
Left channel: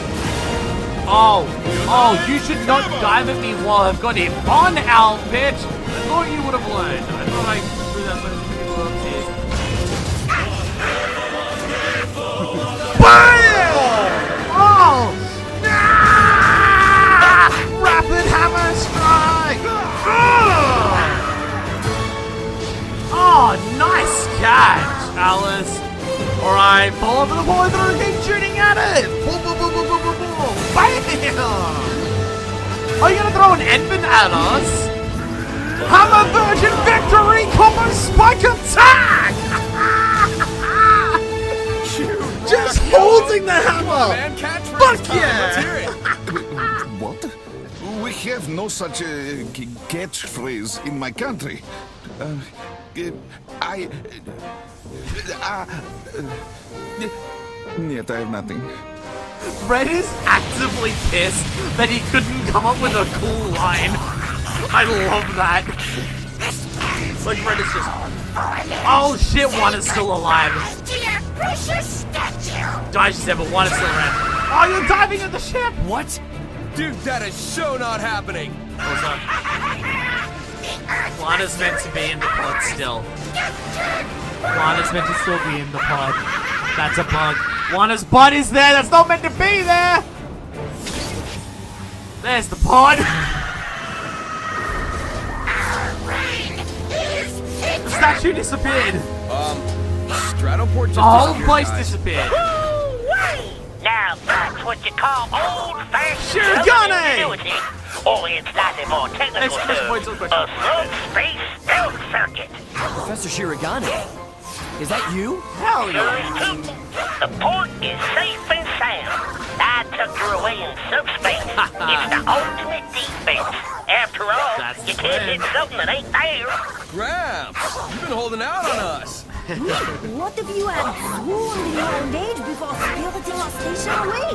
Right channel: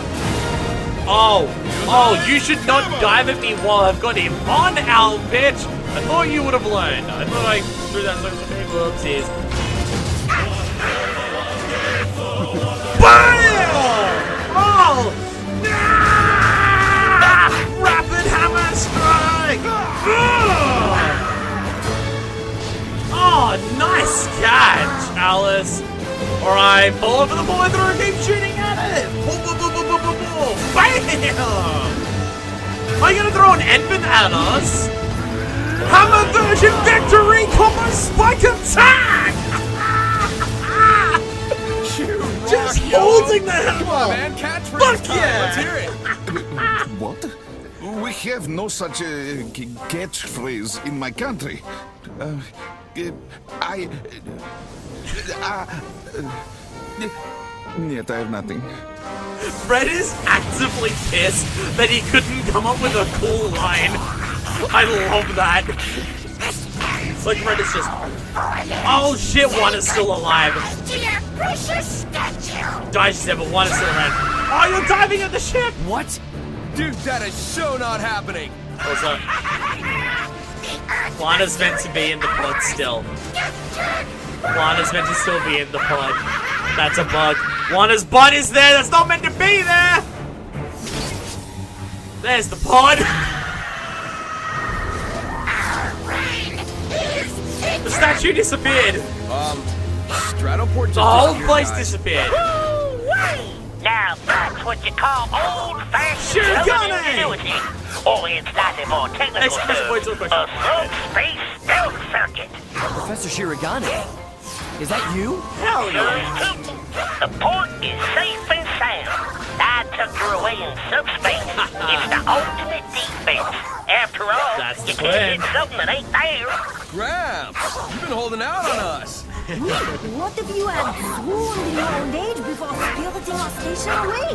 Oh, you should not dive at me while I've got him on, Al, bitch! I thought you would have learned. I thought I threw that so many whoopsies. BAM! Oh! Nah! Rapid hammer strike! Oh, nice catch, Alice. Alright, pull over the boy through and keep shooting at it! Boom, boom, boom, boom, boom, boom, boom! BAM! Are you gonna throw an infant at us? Hammer version victory combo spike attack! Just holding the hammer! Man, catchphrase Fuck time. yeah! Let's hear it. What? We have no such catchphrase in my country. Yet I have nothing. Red is actively pissed that he couldn't come up with a cool line. I love that. Like, Red is just... Oh shit, one is still alive. To your precious statue! Daija said, but one is still around. Oh, you're diving at the ship! What? Dude, that is so not happening. What's up? Lana's meant to be in the pod still. Lana's meant to still be in the pod. That's a bug. Lana's butt is there. That's not meant to be there. There's the pod. The statue disappeared. Stratoport just The whole disappeared, place guys. disappeared. Now that's what you call old-fashioned Shirogane! ingenuity. Or in slightly more technical Exclamation point, terms, so a question. subspace stealth circuit. Professor Shirogane? Is that you? Hell Sure yeah. is too. The port is safe and sound. I tucked her away in subspace. It's the ultimate defense. After all, That's you the can't plan. hit something that ain't there. Graham, you've been holding out on us. What if you had swooned in your old age before spiriting our station away?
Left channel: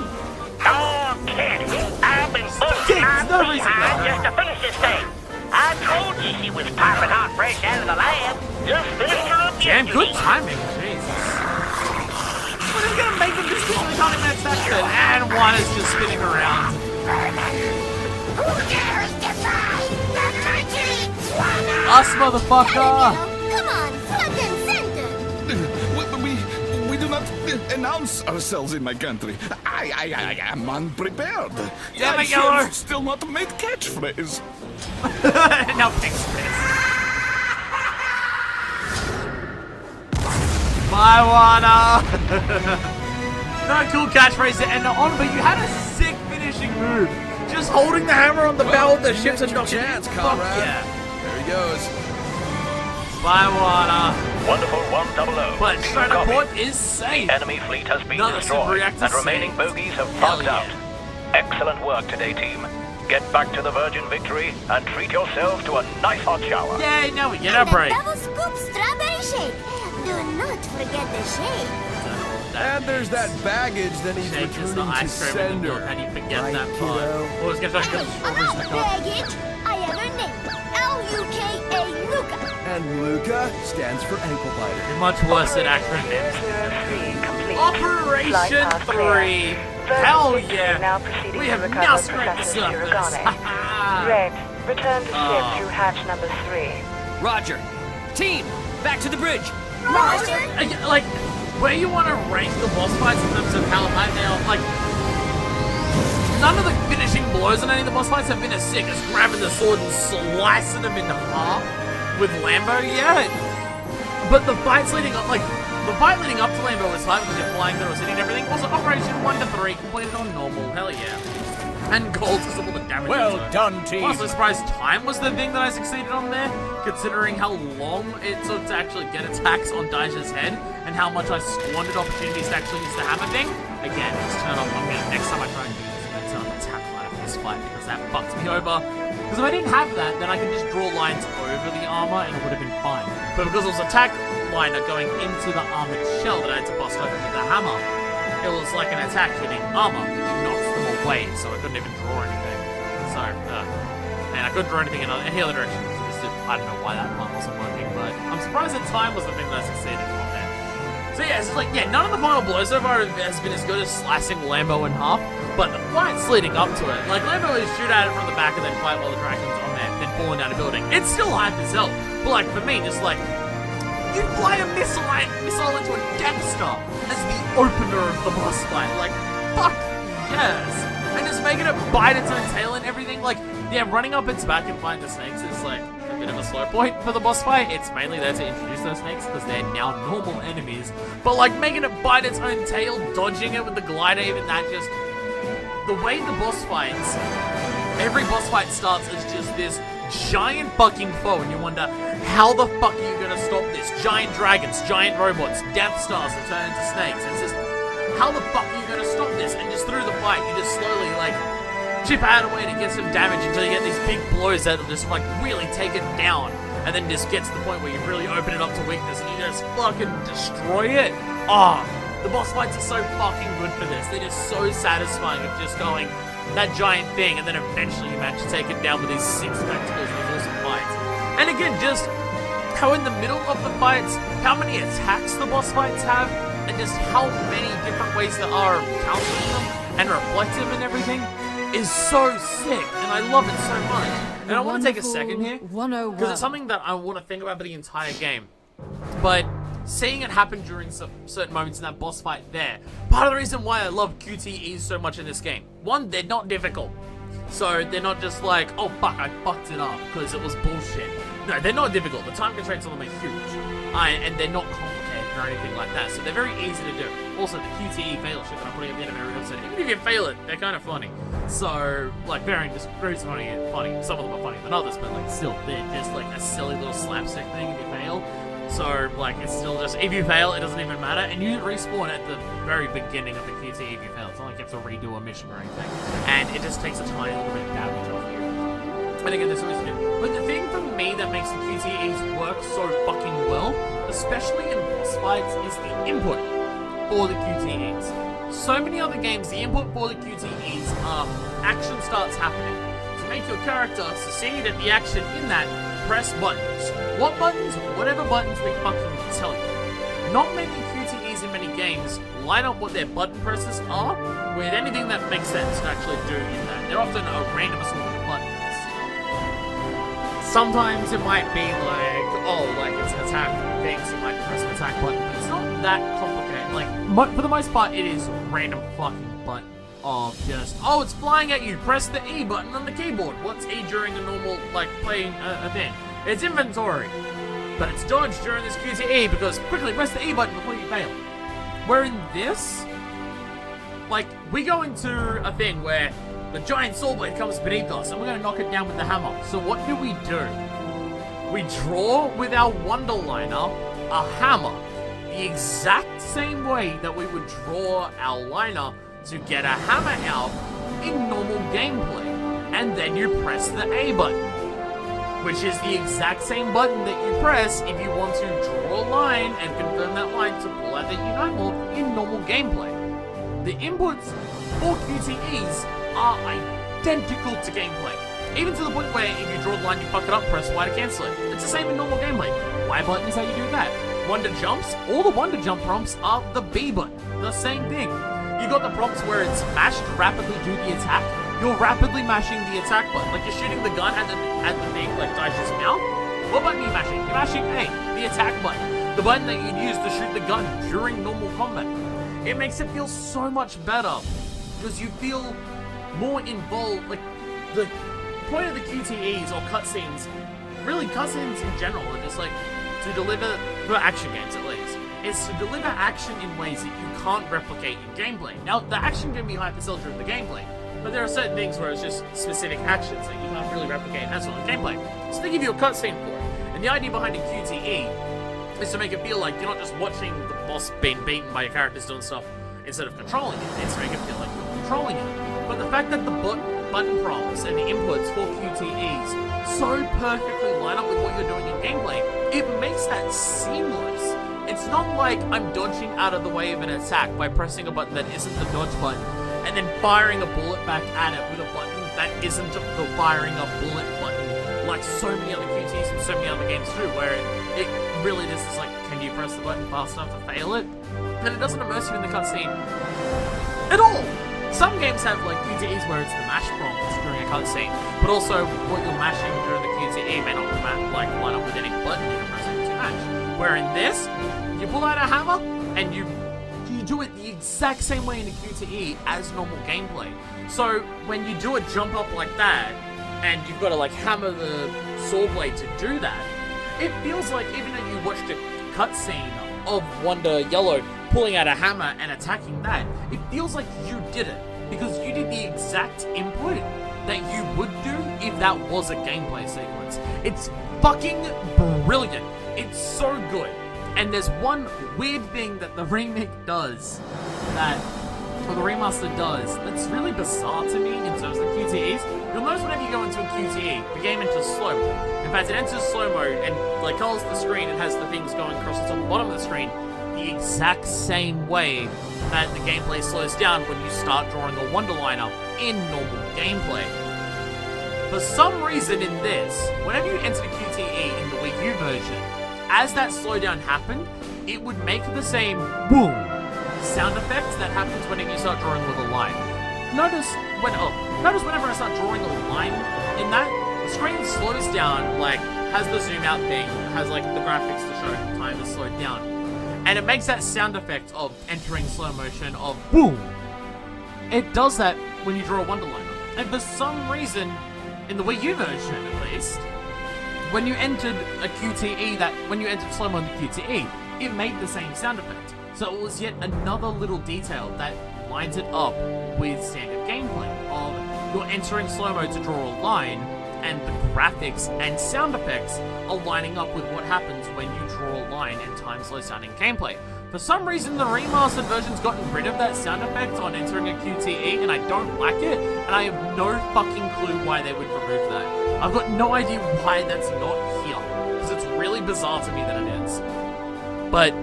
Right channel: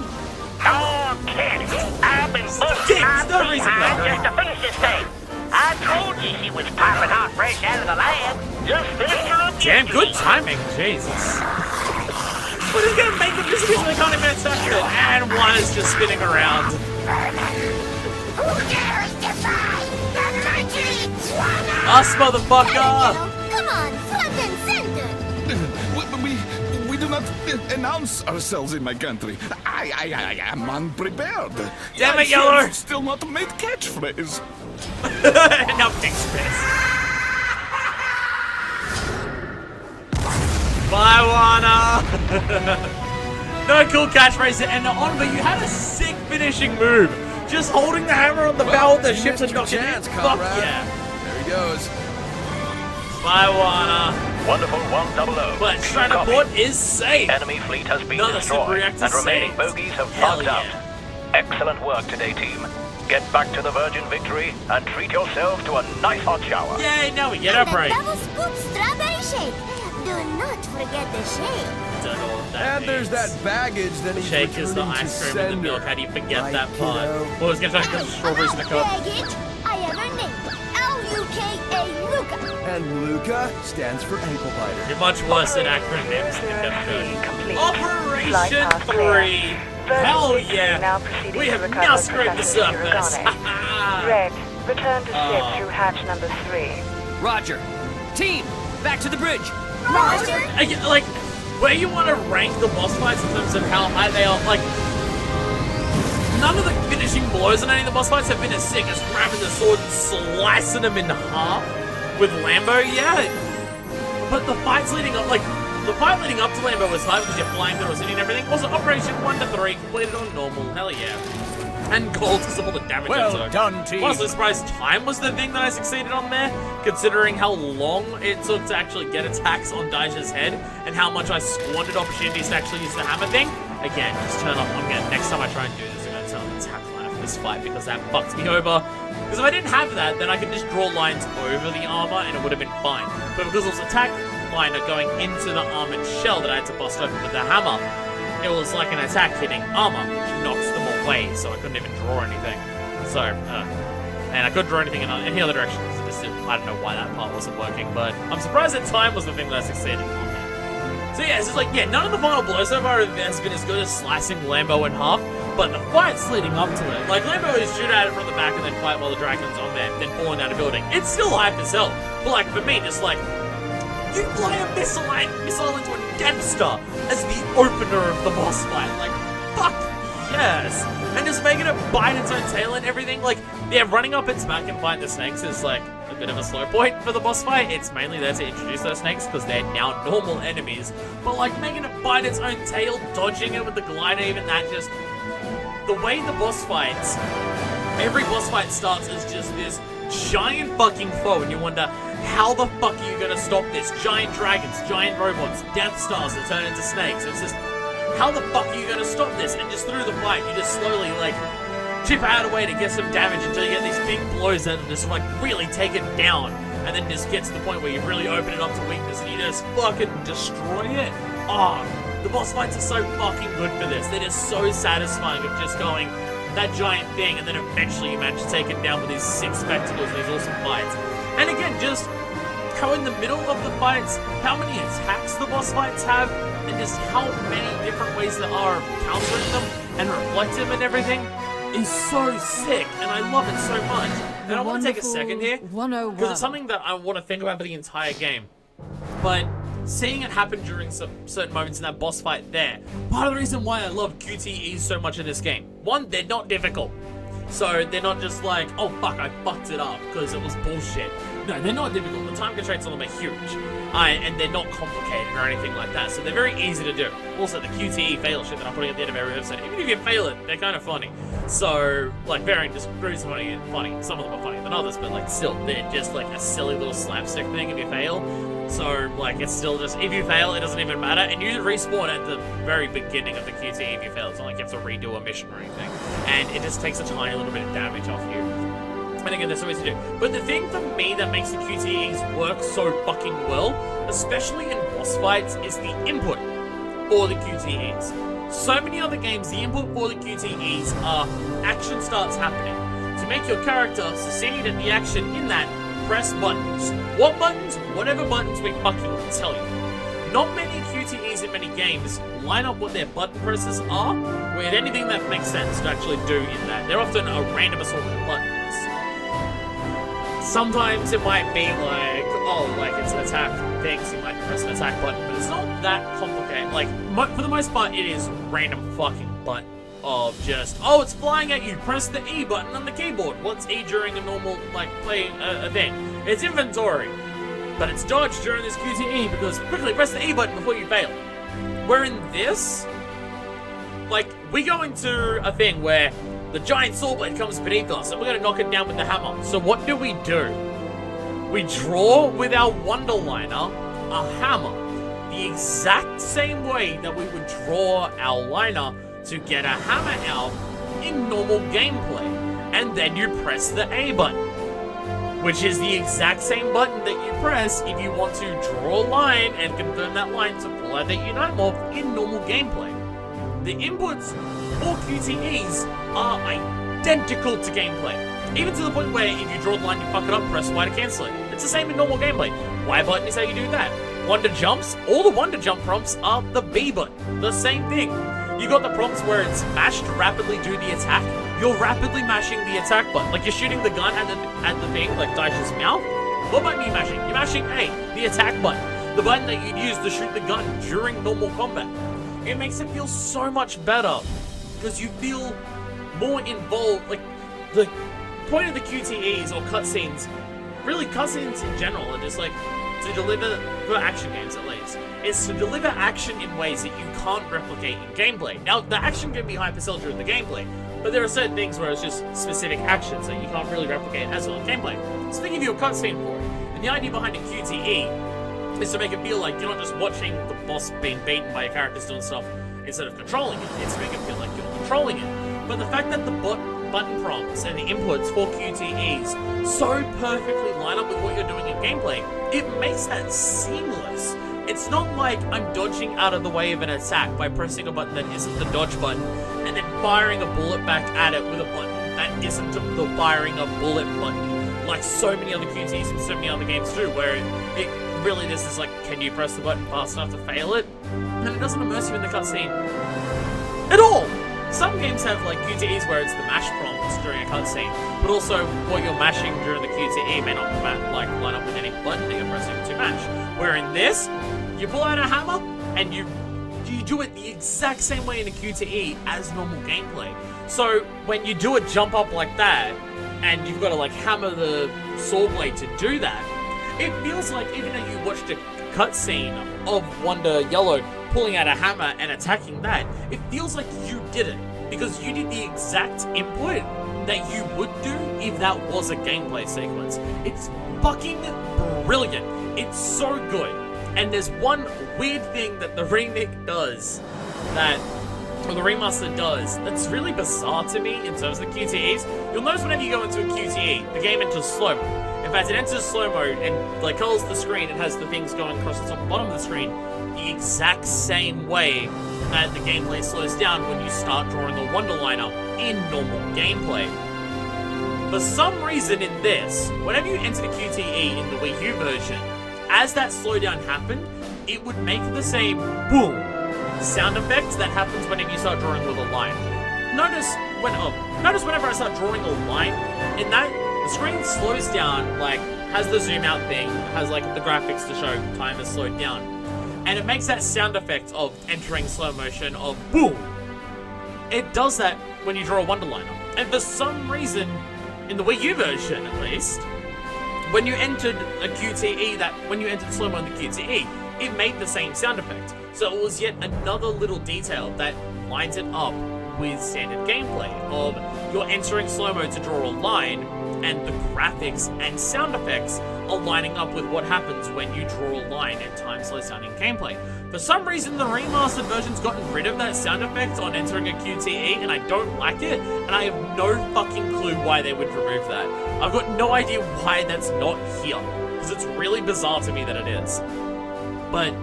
Oh, Kenny, I've been busting my no reason behind for just to finish this thing. I told you she was popping hot fresh out of the lab. Just finished her up Damn, good yesterday. timing. Jesus. What are you gonna make them disappear so they can't even attack it? And one is just spinning around. Who dares defy the mighty Swanna? Us, motherfucker! Come on, front and center! We do not announce ourselves in my country. I am unprepared. Damn I it, Yeller. have still not made catchphrase. Now fix this. Bye, Wana! No cool catchphrase there. And on, but you had a sick finishing move. Just holding the hammer on the bow of the you ships missed and your knocking chance, it. comrade. Fuck yeah. There he goes. Bye, Wana. Wonderful 100. But True Stratoport copy. is safe. Enemy fleet has been Another destroyed, super-reactor and remaining saved. bogies have Hell bugged yeah. out. Excellent work today, team. Get back to the Virgin Victory and treat yourselves to a nice hot shower. Yay, now we get our break. Double scoop strawberry shake. Do not forget the shake. Don't know what that And there's means. that baggage that he's Shake is the returning to ice cream and the milk. sender. How do you forget Right, that part? kiddo? Oh, it's gonna talk about strawberries in the cup. Baggage, I have a name. L-U-K-A Luca. And Luca stands for ankle biter. You're much worse at acronyms. Operation 3. Hell yeah. Now proceeding We to have recover now scraped the Professor surface. Shirogane. Red, return to Oh. ship through hatch number 3. Roger. Team, back to the bridge. Like, where you want to rank the boss fights in terms of how high they are, like, none of the finishing blows on any of the boss fights have been as sick as grabbing the sword and slicing them in half with Lambo yet. But the fights leading up, like, the fight leading up to Lambo was hard because you're flying through a city and everything. Also, Operation 1 to 3 completed on normal, hell yeah. And gold because of all the damage. Well done, team. Honestly surprised time was the thing that I succeeded on there, considering how long it took to actually get attacks on Daisha's head, and how much I squandered opportunities to actually use the hammer thing. Again, just turn off, next time I try and do this, I'm going to turn on the attack line for this fight, because that fucked me over. Because if I didn't have that, then I could just draw lines over the armor, and it would have been fine. But because it was attack liner going into the armored shell that I had to bust open with the hammer, it was like an attack hitting armor, which knocks them away, so I couldn't even draw anything. So, and I couldn't draw anything in any other direction, because I don't know why that part wasn't working, but I'm surprised that time was the thing that I succeeded on there. So yeah, it's just like, yeah, none of the final blows so far has been as good as slicing Lambo in half, but the fights leading up to it, like Lambo is shoot at it from the back and then fight while the dragon's on there, then falling down a building. It's still hype as hell, but like for me, just like, you fly a missile into a Death Star as the opener of the boss fight. Like, fuck yes! And just making it bite its own tail and everything. Like, yeah, running up its back and fighting the snakes is like a bit of a slow point for the boss fight. It's mainly there to introduce those snakes because they're now normal enemies. But like making it bite its own tail, dodging it with the glider, even that, just the way the boss fights, every boss fight starts as just this giant fucking foe, and you wonder, how the fuck are you gonna stop this? Giant dragons, giant robots, Death Stars that turn into snakes. It's just, how the fuck are you gonna stop this? And just through the fight, you just slowly, like, chip out a way to get some damage until you get these big blows that will just, like, really take it down. And then just get to the point where you really open it up to weakness and you just fucking destroy it. The boss fights are so fucking good for this. They're just so satisfying of just going, that giant thing, and then eventually you manage to take it down with these sick spectacles and these awesome fights. And again, just how in the middle of the fights, how many attacks the boss fights have, and just how many different ways there are of countering them and reflecting them and everything is so sick, and I love it so much. And I want to take a second here, because it's something that I want to think about for the entire game. But seeing it happen during some certain moments in that boss fight there, part of the reason why I love QTEs so much in this game. One, they're not difficult. So they're not just like, oh fuck, I fucked it up because it was bullshit. No, they're not difficult. The time constraints on them are huge. And they're not complicated or anything like that. So they're very easy to do. Also, the QTE fail shit that I'm putting at the end of every episode, even if you fail it, they're kind of funny. So, like, varying degrees of funny. Some of them are funnier than others, but like still, they're just like a silly little slapstick thing if you fail. So, like, it's still just, if you fail, it doesn't even matter. And you respawn at the very beginning of the QTE if you fail. It's not like you have to redo a mission or anything. And it just takes a tiny little bit of damage off you. And again, there's so much to do. But the thing for me that makes the QTEs work so fucking well, especially in boss fights, is the input for the QTEs. So many other games, the input for the QTEs are action starts happening. To make your character succeed at the action in that, press buttons. What buttons? Whatever buttons we fucking tell you. Not many QTEs in many games line up what their button presses are with anything that makes sense to actually do in that. They're often a random assortment of buttons. Sometimes it might be like, oh, like it's an attack thing, so you might press an attack button, but it's not that complicated. Like, for the most part, it is random fucking button of just, oh, it's flying at you, press the E button on the keyboard. What's E during a normal, like, playing a thing? It's inventory. But it's dodge during this QTE because quickly press the E button before you fail. Where in this, like, we go into a thing where the giant sword blade comes beneath us and we're going to knock it down with the hammer. So what do? We draw with our Wonderliner a hammer the exact same way that we would draw our liner to get a hammer out in normal gameplay. And then you press the A button, which is the exact same button that you press if you want to draw a line and confirm that line to pull out that Unite Morph in normal gameplay. The inputs for QTEs are identical to gameplay. Even to the point where if you draw the line, you fuck it up, press Y to cancel it. It's the same in normal gameplay. Y button is how you do that. Wonder jumps, all the Wonder Jump prompts are the B button. The same thing. You got the prompts where it's mash to rapidly do the attack. You're rapidly mashing the attack button. Like you're shooting the gun at the thing, like Daisha's mouth. What button are you mashing? You're mashing A, the attack button. The button that you'd use to shoot the gun during normal combat. It makes it feel so much better. Because you feel more involved. Like, the point of the QTEs or cutscenes, really cutscenes in general, are just like, to deliver, for action games at least, is to deliver action in ways that you can't replicate in gameplay. Now, the action can be hyper-cell during the gameplay, but there are certain things where it's just specific actions that you can't really replicate as well in gameplay. So they give you a cutscene for it. And the idea behind a QTE is to make it feel like you're not just watching the boss being beaten by your characters doing stuff instead of controlling it. It's to make it feel like you're controlling it. But the fact that the button prompts and the inputs for QTEs so perfectly line up with what you're doing in gameplay, it makes that seamless. It's not like I'm dodging out of the way of an attack by pressing a button that isn't the dodge button and then firing a bullet back at it with a button that isn't the firing a bullet button, like so many other QTEs and so many other games do, where it really just is like, can you press the button fast enough to fail it? And it doesn't immerse you in the cutscene at all. Some games have like QTEs where it's the mash prompts during a cutscene, but also what you're mashing during the QTE may not line up with any button that you're pressing to mash. Where in this, you pull out a hammer and you do it the exact same way in a QTE as normal gameplay. So when you do a jump up like that, and you've got to like hammer the saw blade to do that, it feels like even though you watched a cutscene of Wonder Yellow pulling out a hammer and attacking that, it feels like you did it because you did the exact input that you would do if that was a gameplay sequence. It's fucking brilliant. It's so good. And there's one weird thing that the remake does or the remaster does, that's really bizarre to me in terms of the QTEs. You'll notice whenever you go into a QTE, the game enters slow mode. In fact, it enters slow mode and like colors the screen, it has the things going across the top and bottom of the screen the exact same way that the gameplay slows down when you start drawing a Wonder Liner in normal gameplay. For some reason in this, whenever you enter the QTE in the Wii U version, as that slowdown happened, it would make the same boom sound effect that happens whenever you start drawing with a line. Notice whenever I start drawing a line in that, the screen slows down, like has the zoom out thing, has like the graphics to show time has slowed down. And it makes that sound effect of entering slow motion of boom. It does that when you draw a Wonder Liner. And for some reason, in the Wii U version at least, when you entered a QTE, when you entered slow-mo in the QTE, it made the same sound effect. So it was yet another little detail that lines it up with standard gameplay of you're entering slow-mo to draw a line, and the graphics and sound effects are lining up with what happens when you draw a line and time slows down in gameplay. For some reason, the remastered version's gotten rid of that sound effect on entering a QTE, and I don't like it, and I have no fucking clue why they would remove that. I've got no idea why that's not here, because it's really bizarre to me that it is. But,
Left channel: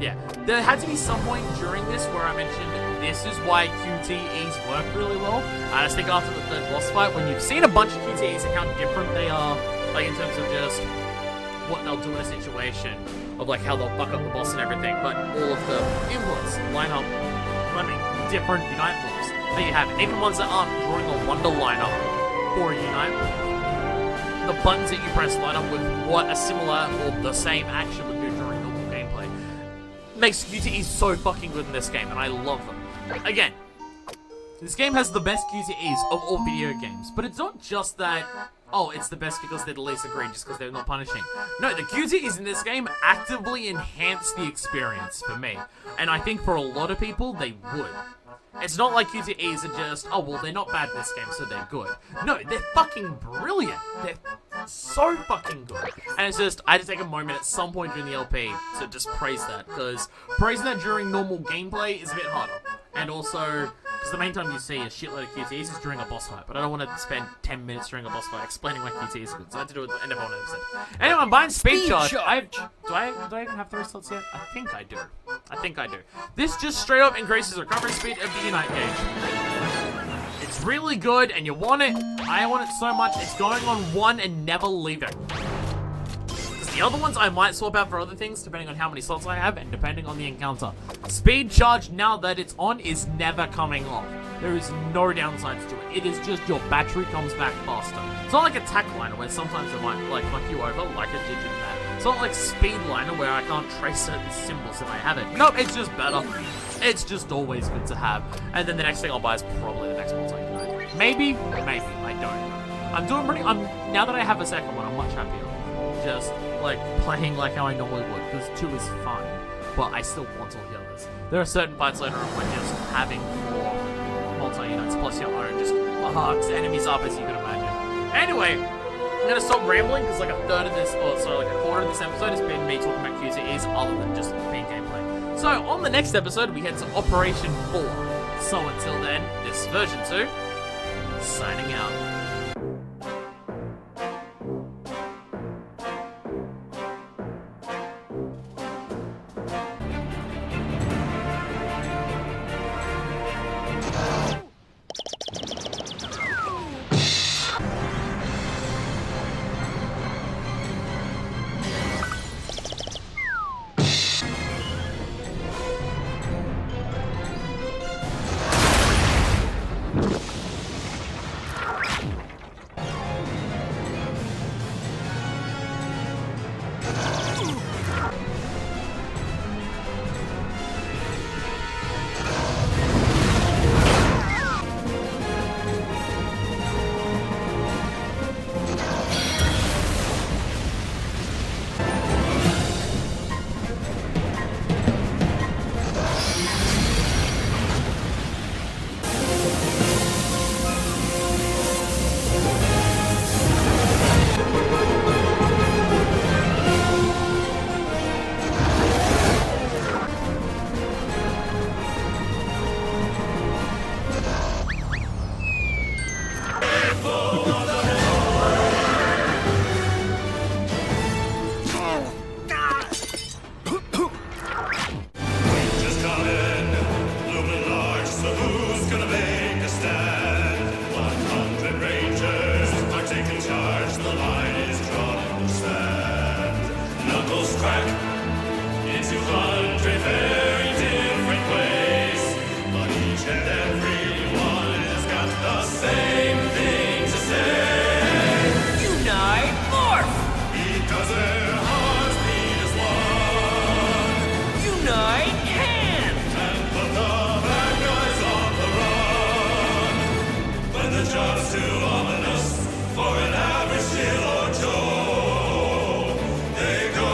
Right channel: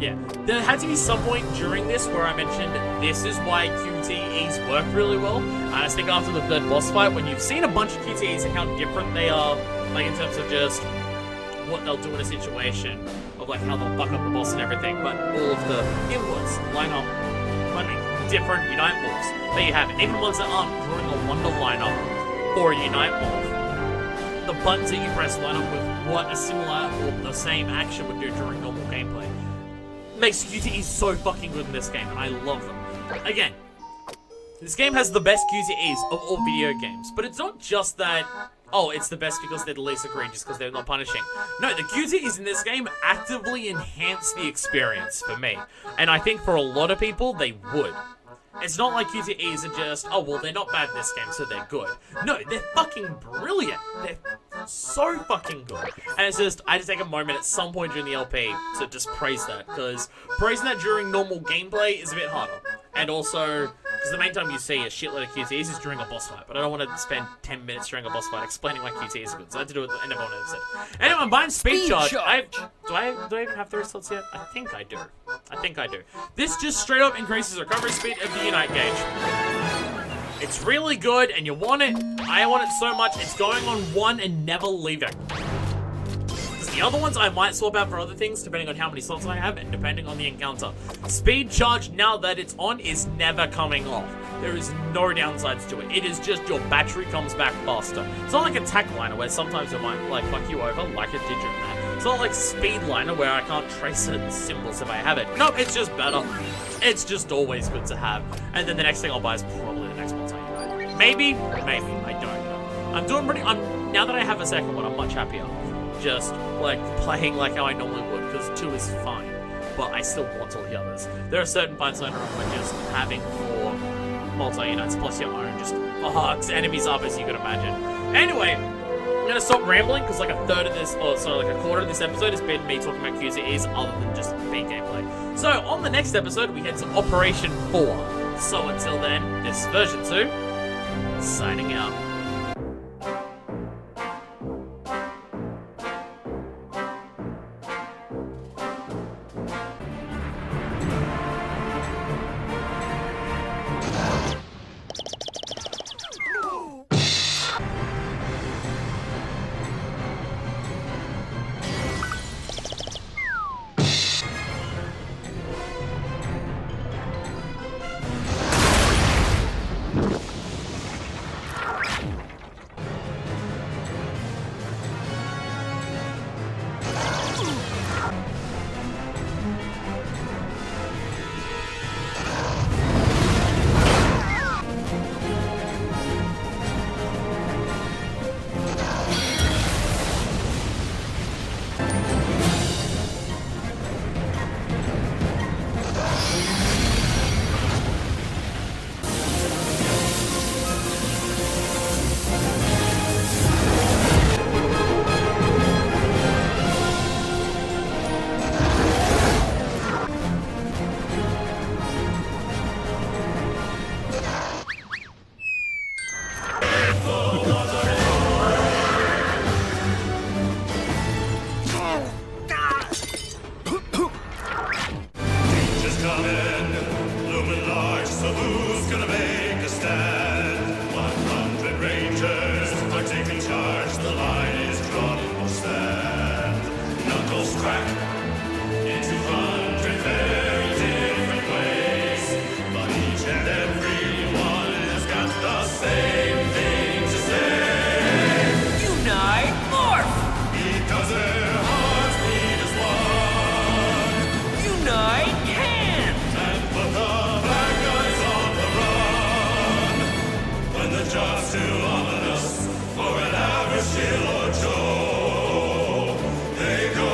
yeah, there had to be some point during this where I mentioned this is why QTEs work really well. I just think after the third boss fight, when you've seen a bunch of QTEs and how different they are, like in terms of just what they'll do in a situation, of like how they'll fuck up the boss and everything, but all of the inputs line up, different Unite moves that you have, even ones that aren't drawing a Wonder Liner for a Unite move. The buttons that you press line up with what a similar or the same action would do during normal gameplay. Makes QTEs so fucking good in this game, and I love them. Again, this game has the best QTEs of all video games, but it's not just that, oh, it's the best because they're the least egregious because they're not punishing. No, the QTEs in this game actively enhance the experience for me, and I think for a lot of people, they would. It's not like QTEs are just, oh, well, they're not bad in this game, so they're good. No, they're fucking brilliant. They're so fucking good. And it's just, I had to take a moment at some point during the LP to just praise that, because praising that during normal gameplay is a bit harder. And also, because the main time you see a shitload of QTEs is during a boss fight, but I don't want to spend 10 minutes during a boss fight explaining why QTEs are good, so I had to do it at the end of one episode. Anyway, I'm buying Speed Charge. Do I even have 3 slots yet? I think I do. This just straight up increases recovery speed of the Unite gauge. It's really good, and you want it. I want it so much, it's going on 1 and never leaving. Because the other ones I might swap out for other things, depending on how many slots I have, and depending on the encounter. Speed Charge, now that it's on, is never coming off. There is no downsides to it. It is just your battery comes back faster. It's not like attack liner where sometimes it might like fuck you over like it did in that. It's not like speed liner where I can't trace certain symbols if I have it. Nope, it's just better. It's just always good to have. And then the next thing I'll buy is probably the next multi-unite. Maybe, I don't know. I'm doing pretty, now that I have a second one, I'm much happier. Just like playing like how I normally would, because 2 is fine. But I still want all the others. There are certain parts later on where just having 4 multi-unites plus your own just fucks enemies up as you could imagine. Anyway, I'm gonna stop rambling because like a quarter of this episode has been me talking about QTEs other than just being gameplay. So on the next episode we head to Operation 4. So until then, this is version 2, signing out. Crack in 200 very different ways, but each and every one has got the same thing to say. Unite, morph! Because their hearts beat as one. Unite, hand! And put the bad guys on the run. When the job's too ominous for an average Jill or Joe, they go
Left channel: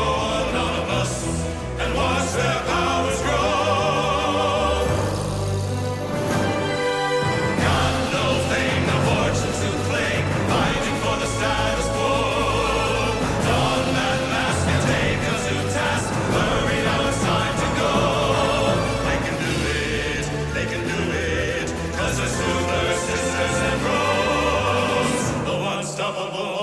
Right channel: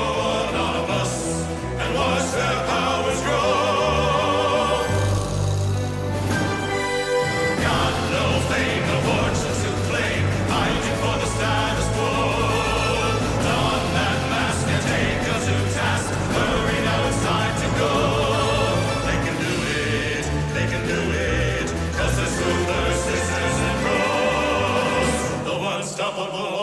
and watch their powers grow. Got no fame, no fortune to claim, fighting for the status quo. Don that mask and take us to task. Hurry now, it's time to go. They can do it, 'cause they're Super Sisters and Bros. The unstoppable